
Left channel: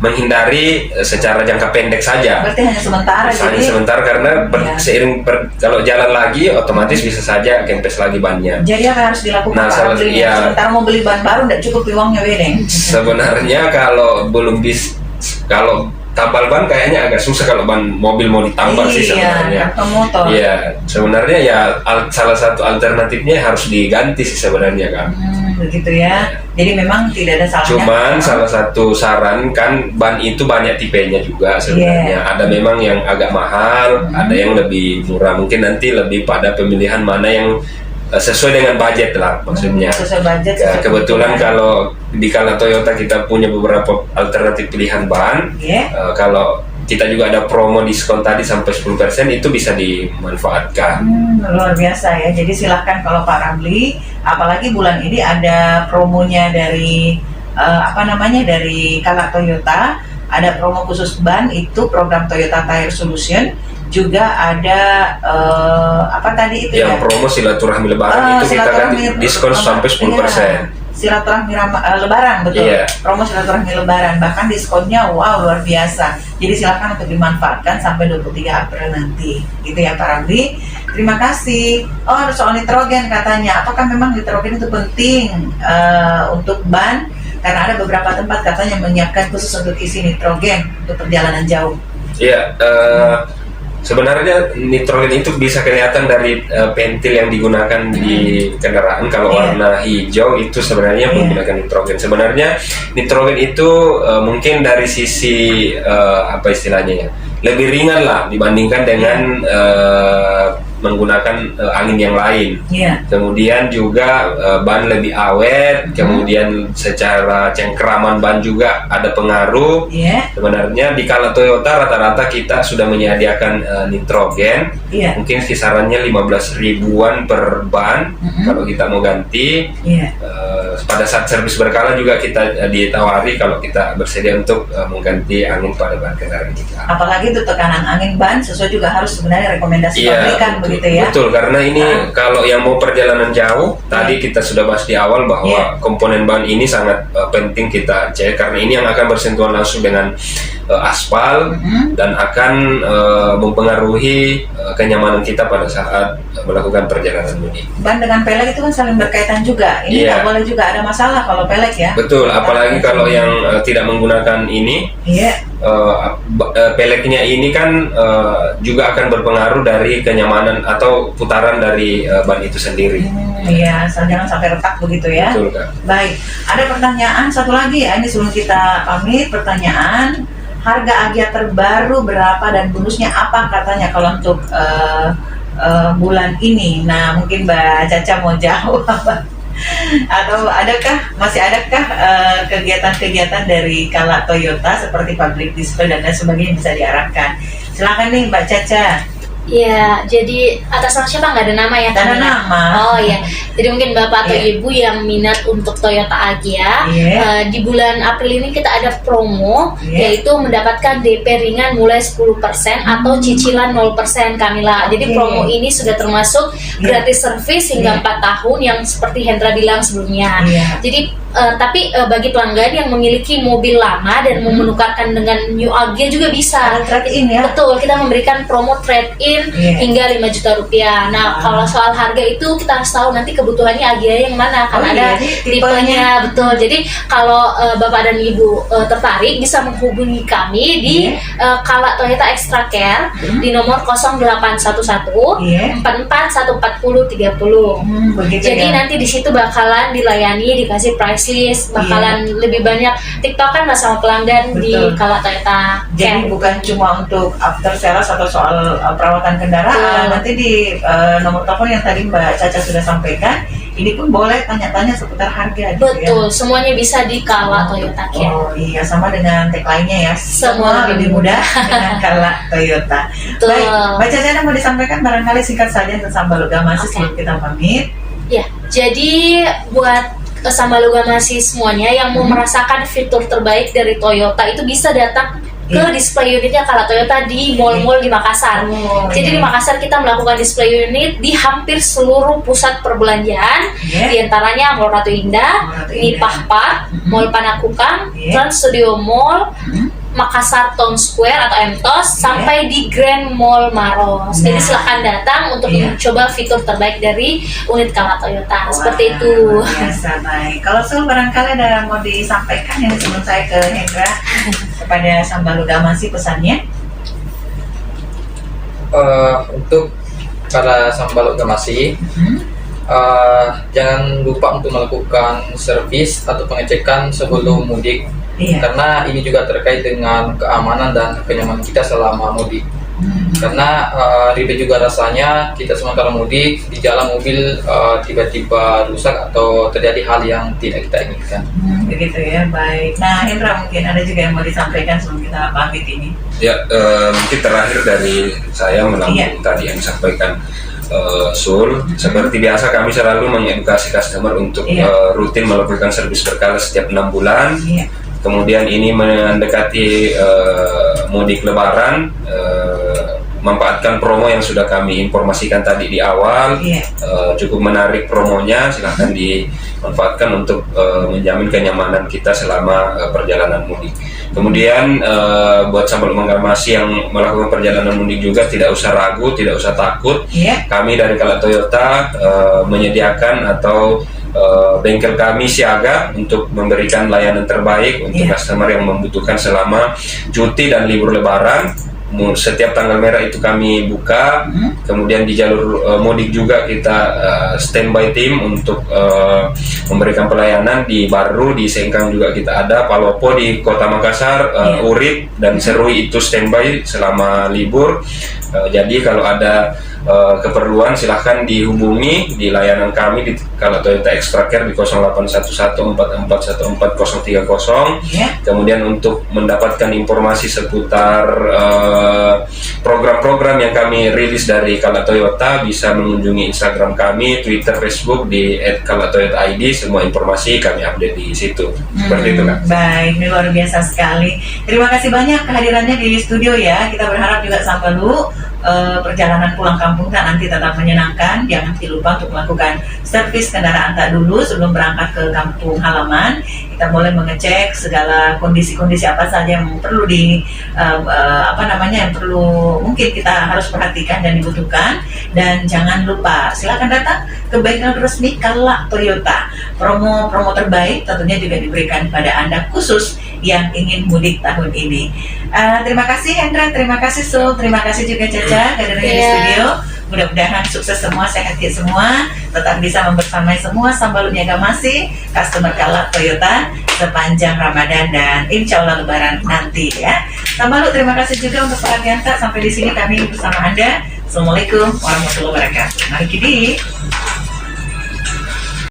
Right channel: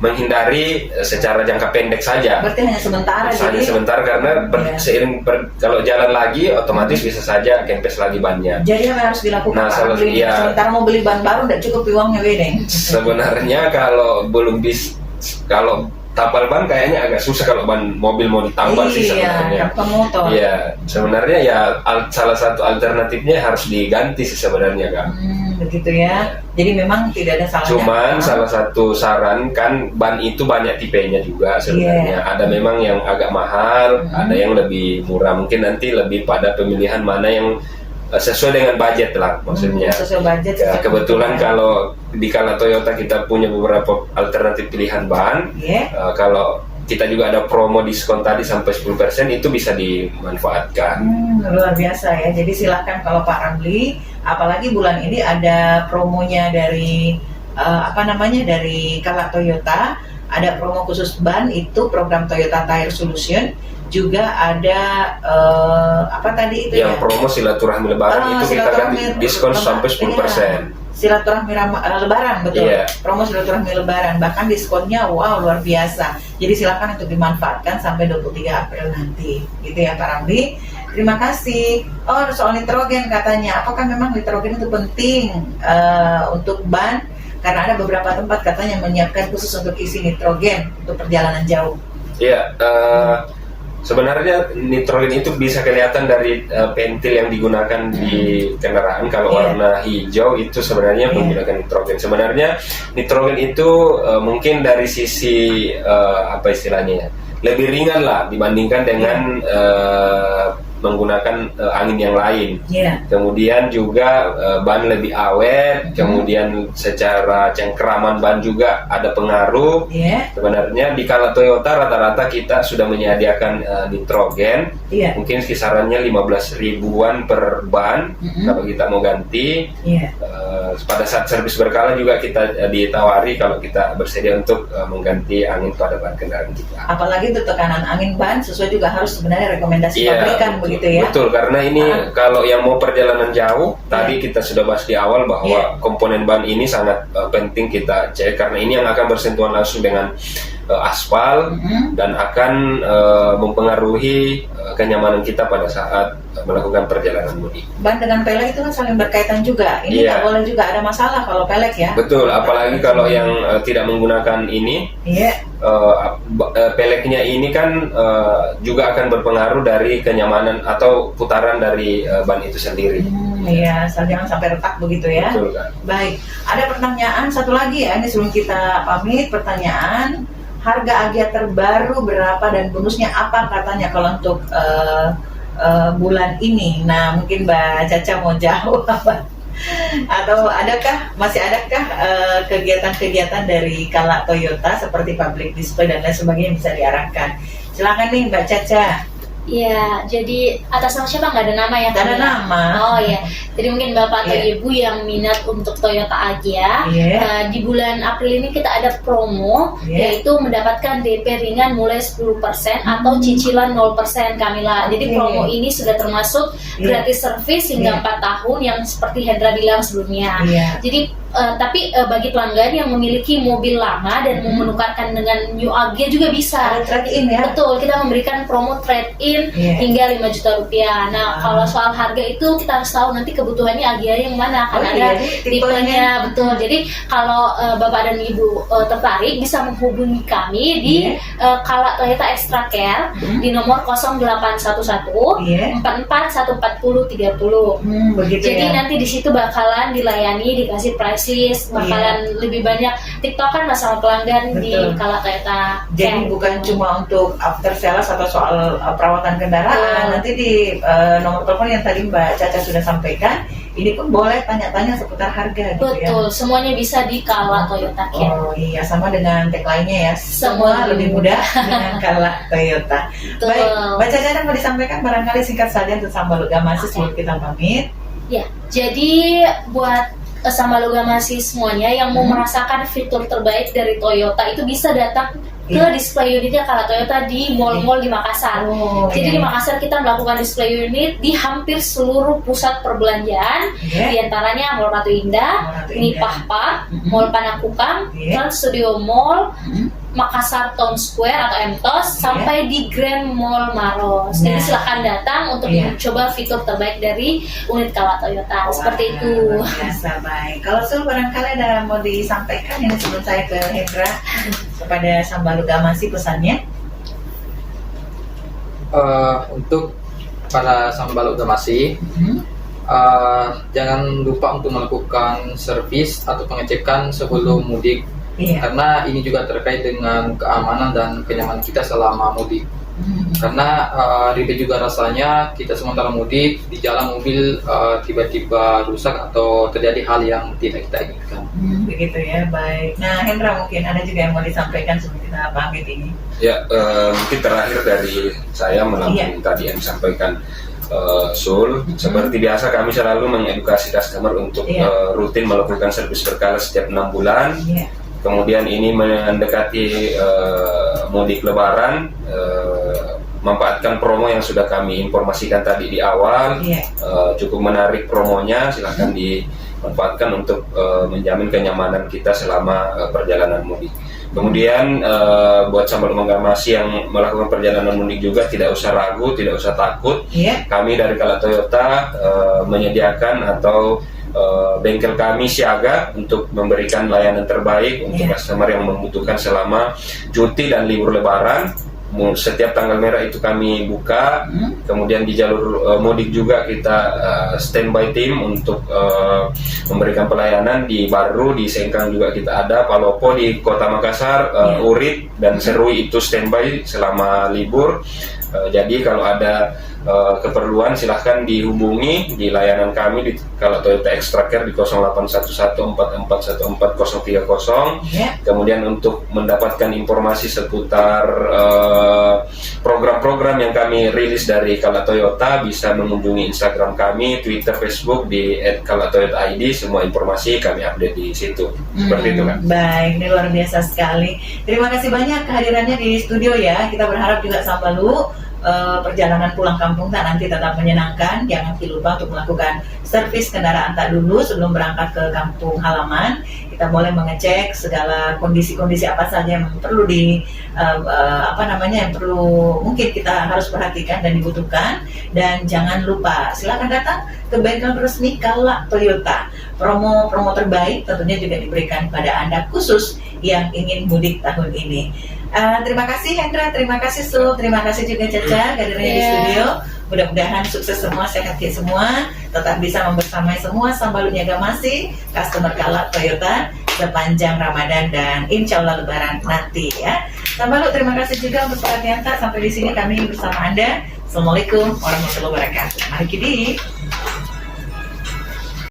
menghindari secara jangka pendek saja. Berarti hanya sementara. Hanya sementara karena seiring kalau jalan lagi otomatis bisa saja kempes lagi bannya. Jadi apa yang harus dilakukan? Nah, sementara mau beli ban baru tidak cukup uangnya bedeng. Sebenarnya kalau kalau tambal ban kayaknya agak susah kalau ban mobil mau ditambal sih sebenarnya. Kartu motor. Iya, sebenarnya ya salah satu alternatifnya harus diganti sih sebenarnya Kak. begitu ya. Jadi memang tidak ada salahnya. Cuman salah satu saran kan ban itu banyak tipenya juga sebenarnya. Ada memang yang agak mahal, ada yang lebih murah. Mungkin nanti lebih pada pemilihan mana yang sesuai dengan budget lah maksudnya. Sesuai budget. Kebetulan kalau di Kala Toyota kita punya beberapa alternatif pilihan ban. Kalau kita juga ada promo diskon tadi sampai 10%, itu bisa dimanfaatkan. Luar biasa ya. Jadi silahkan kalau Pak Ramli, apalagi bulan ini ada promonya dari dari Kala Toyota, ada promo khusus ban, itu program Toyota Tire Solution. Juga ada yang promo silaturahmi lebaran, itu kita kan diskon sampai 10%. Silaturahmi lebaran, betul. Promo silaturahmi lebaran, bahkan diskonnya wow luar biasa. Jadi silakan untuk dimanfaatkan sampai 23 April nanti, gitu ya Pak Ramli. Terima kasih. Oh, soal nitrogen katanya, apakah memang nitrogen itu penting untuk ban? Karena ada beberapa tempat katanya menyiapkan khusus untuk isi nitrogen untuk perjalanan jauh. Iya. Sebenarnya nitrogen itu bisa kelihatan dari pentil yang digunakan di kendaraan. Kalau warna hijau itu sebenarnya menggunakan nitrogen. Sebenarnya nitrogen itu mungkin dari sisi istilahnya ya, lebih ringan lah dibandingkan dengan menggunakan angin yang lain. Kemudian juga ban lebih awet. Kemudian secara cengkeraman ban juga ada pengaruh. Sebenarnya di Kala Toyota rata-rata kita sudah menyediakan nitrogen. Mungkin kisarannya 15 ribuan per ban kalau kita mau ganti. Pada saat servis berkala juga kita ditawari kalau kita bersedia untuk mengganti angin pada ban kendaraan kita. Apalagi itu tekanan angin ban sesuai juga harus sebenarnya rekomendasi pabrikan. Begitu ya. Betul, karena ini kalau yang mau perjalanan jauh, tadi kita sudah bahas di awal bahwa komponen ban ini sangat penting kita cek, karena ini yang akan bersentuhan langsung dengan aspal dan akan mempengaruhi kenyamanan kita pada saat melakukan perjalanan mudik. Ban dengan pelek itu kan saling berkaitan juga. Ini nggak boleh juga ada masalah kalau pelek ya. Betul, apalagi kalau yang tidak menggunakan ini. Peleknya ini kan juga akan berpengaruh dari kenyamanan atau putaran dari ban itu sendiri. Jangan sampai retak begitu ya. Betul, Kak. Baik, ada pertanyaan satu lagi ya, ini sebelum kita pamit. Pertanyaan, harga Agya terbaru berapa dan bonusnya apa katanya kalau untuk bulan ini? Nah, mungkin Mbak Caca mau jawab. Atau masih adakah kegiatan-kegiatan dari Kala Toyota seperti public display dan lain sebagainya bisa diarahkan? Silakan nih Mbak Caca. Ya, jadi atas nama siapa, nggak ada nama ya? Ada nama. Oh ya, jadi mungkin Bapak atau Ibu yang minat untuk Toyota Agya, di bulan April ini kita ada promo, yaitu mendapatkan DP ringan mulai 10% atau cicilan 0% Kamila. Jadi promo ini sudah termasuk gratis servis hingga 4 tahun yang seperti Hendra bilang sebelumnya. Jadi tapi bagi pelanggan yang memiliki mobil lama dan mau menukarkan dengan new Agya juga bisa. Trade-in ya? Betul, kita memberikan promo trade-in hingga 5 juta rupiah. Nah, kalau soal harga itu kita harus tahu nanti kebutuhannya Agya yang mana, kan ada tipenya. Betul, jadi kalau Bapak dan Ibu tertarik bisa menghubungi kami di Kala Toyota Extra Care di nomor 0811 44 140 30. Jadi nanti di situ bakalan dilayani, dikasih price list, bakalan lebih banyak tiktokan lah sama pelanggan di Kala Toyota. Jadi bukan cuma untuk after sales atau soal perawatan kendaraan, nanti di nomor telepon yang tadi Mbak Caca sudah sampaikan, ini pun boleh tanya-tanya seputar harga. Betul, semuanya bisa di Kala Toyota Care. Oh iya, sama dengan tagline-nya ya, semua lebih mudah dengan Kala Toyota. Baik, Mbak Caca ada mau disampaikan barangkali singkat saja tentang Sambalogama sebelum kita pamit. Ya, jadi buat Sambalogama semuanya yang mau merasakan fitur terbaik dari Toyota itu bisa datang ke display unitnya Kala Toyota di mall-mall di Makassar. Jadi di Makassar kita melakukan display unit di hampir seluruh pusat perbelanjaan, di antaranya Mall Ratu Indah, Nipah Park, Mall Panakukang, Trans Studio Mall, Makassar Town Square atau MTOS, sampai di Grand Mall Maros. Jadi silahkan datang untuk mencoba fitur terbaik dari unit Kala Toyota. Seperti itu. Biasa, baik. Kalau barangkali ada mau disampaikan ini sebelum saya ke Hendra kepada Sambalogama pesannya. Untuk para Sambalogama jangan lupa untuk melakukan servis atau pengecekan sebelum mudik, Iya. karena ini juga terkait dengan keamanan dan kenyamanan kita selama mudik. Karena ribet juga rasanya kita semua kalau mudik di jalan mobil tiba-tiba rusak atau terjadi hal yang tidak kita inginkan. Begitu ya, baik. Nah, Hendra mungkin ada juga yang mau disampaikan sebelum kita pamit ini. Ya, mungkin terakhir dari saya melalui tadi yang disampaikan Sul. Seperti biasa kami selalu mengedukasi customer untuk rutin melakukan servis berkala setiap 6 bulan. Iya. Kemudian ini mendekati mudik Lebaran, manfaatkan promo yang sudah kami informasikan tadi di awal. Iya. Cukup menarik promonya, silahkan dimanfaatkan untuk menjamin kenyamanan kita selama perjalanan mudik. Kemudian buat sahabat Manggaramasi yang melakukan perjalanan mudik juga tidak usah ragu, tidak usah takut. Iya. Kami dari Kala Toyota menyediakan atau bengkel kami siaga untuk memberikan layanan terbaik untuk customer yang membutuhkan selama cuti dan libur Lebaran. Setiap tanggal merah itu kami buka. Kemudian di jalur mudik juga kita standby tim untuk memberikan pelayanan. Di Baru, di Sengkang juga kita ada, Palopo di Kota Makassar, Urip dan Serui itu standby selama libur. Jadi kalau ada keperluan silahkan dihubungi di layanan kami di Kala Toyota Extra Care di 081144143030. Kemudian untuk mendapatkan informasi seputar program-program yang kami rilis dari Kala Toyota bisa mengunjungi Instagram kami, Twitter, Facebook di @kalatoyota_id. Semua informasi kami update di situ. Seperti itu kan. Baik, ini luar biasa sekali. Terima kasih banyak kehadirannya di studio ya. Kita berharap juga Sambalu perjalanan pulang kampung tak nanti tetap menyenangkan. Jangan lupa untuk melakukan servis kendaraan tak dulu sebelum berangkat ke kampung halaman. Kita boleh mengecek segala kondisi-kondisi apa saja yang perlu yang perlu mungkin kita harus perhatikan dan dibutuhkan. Dan jangan lupa silakan datang ke bengkel resmi Kala Toyota. Promo-promo terbaik tentunya juga diberikan pada Anda khusus yang ingin mudik tahun ini. Terima kasih Hendra, terima kasih Sul, terima kasih juga Caca kehadirannya di studio. Mudah-mudahan sukses semua, sehat semua, tetap bisa membersamai semua Sambalu Niagamasi, customer Kala Toyota sepanjang Ramadan dan insya Allah Lebaran nanti ya. Sambalu, terima kasih juga untuk Pak Ardianta. Sampai di sini kami bersama Anda. Assalamualaikum warahmatullahi wabarakatuh. Mari Kidi.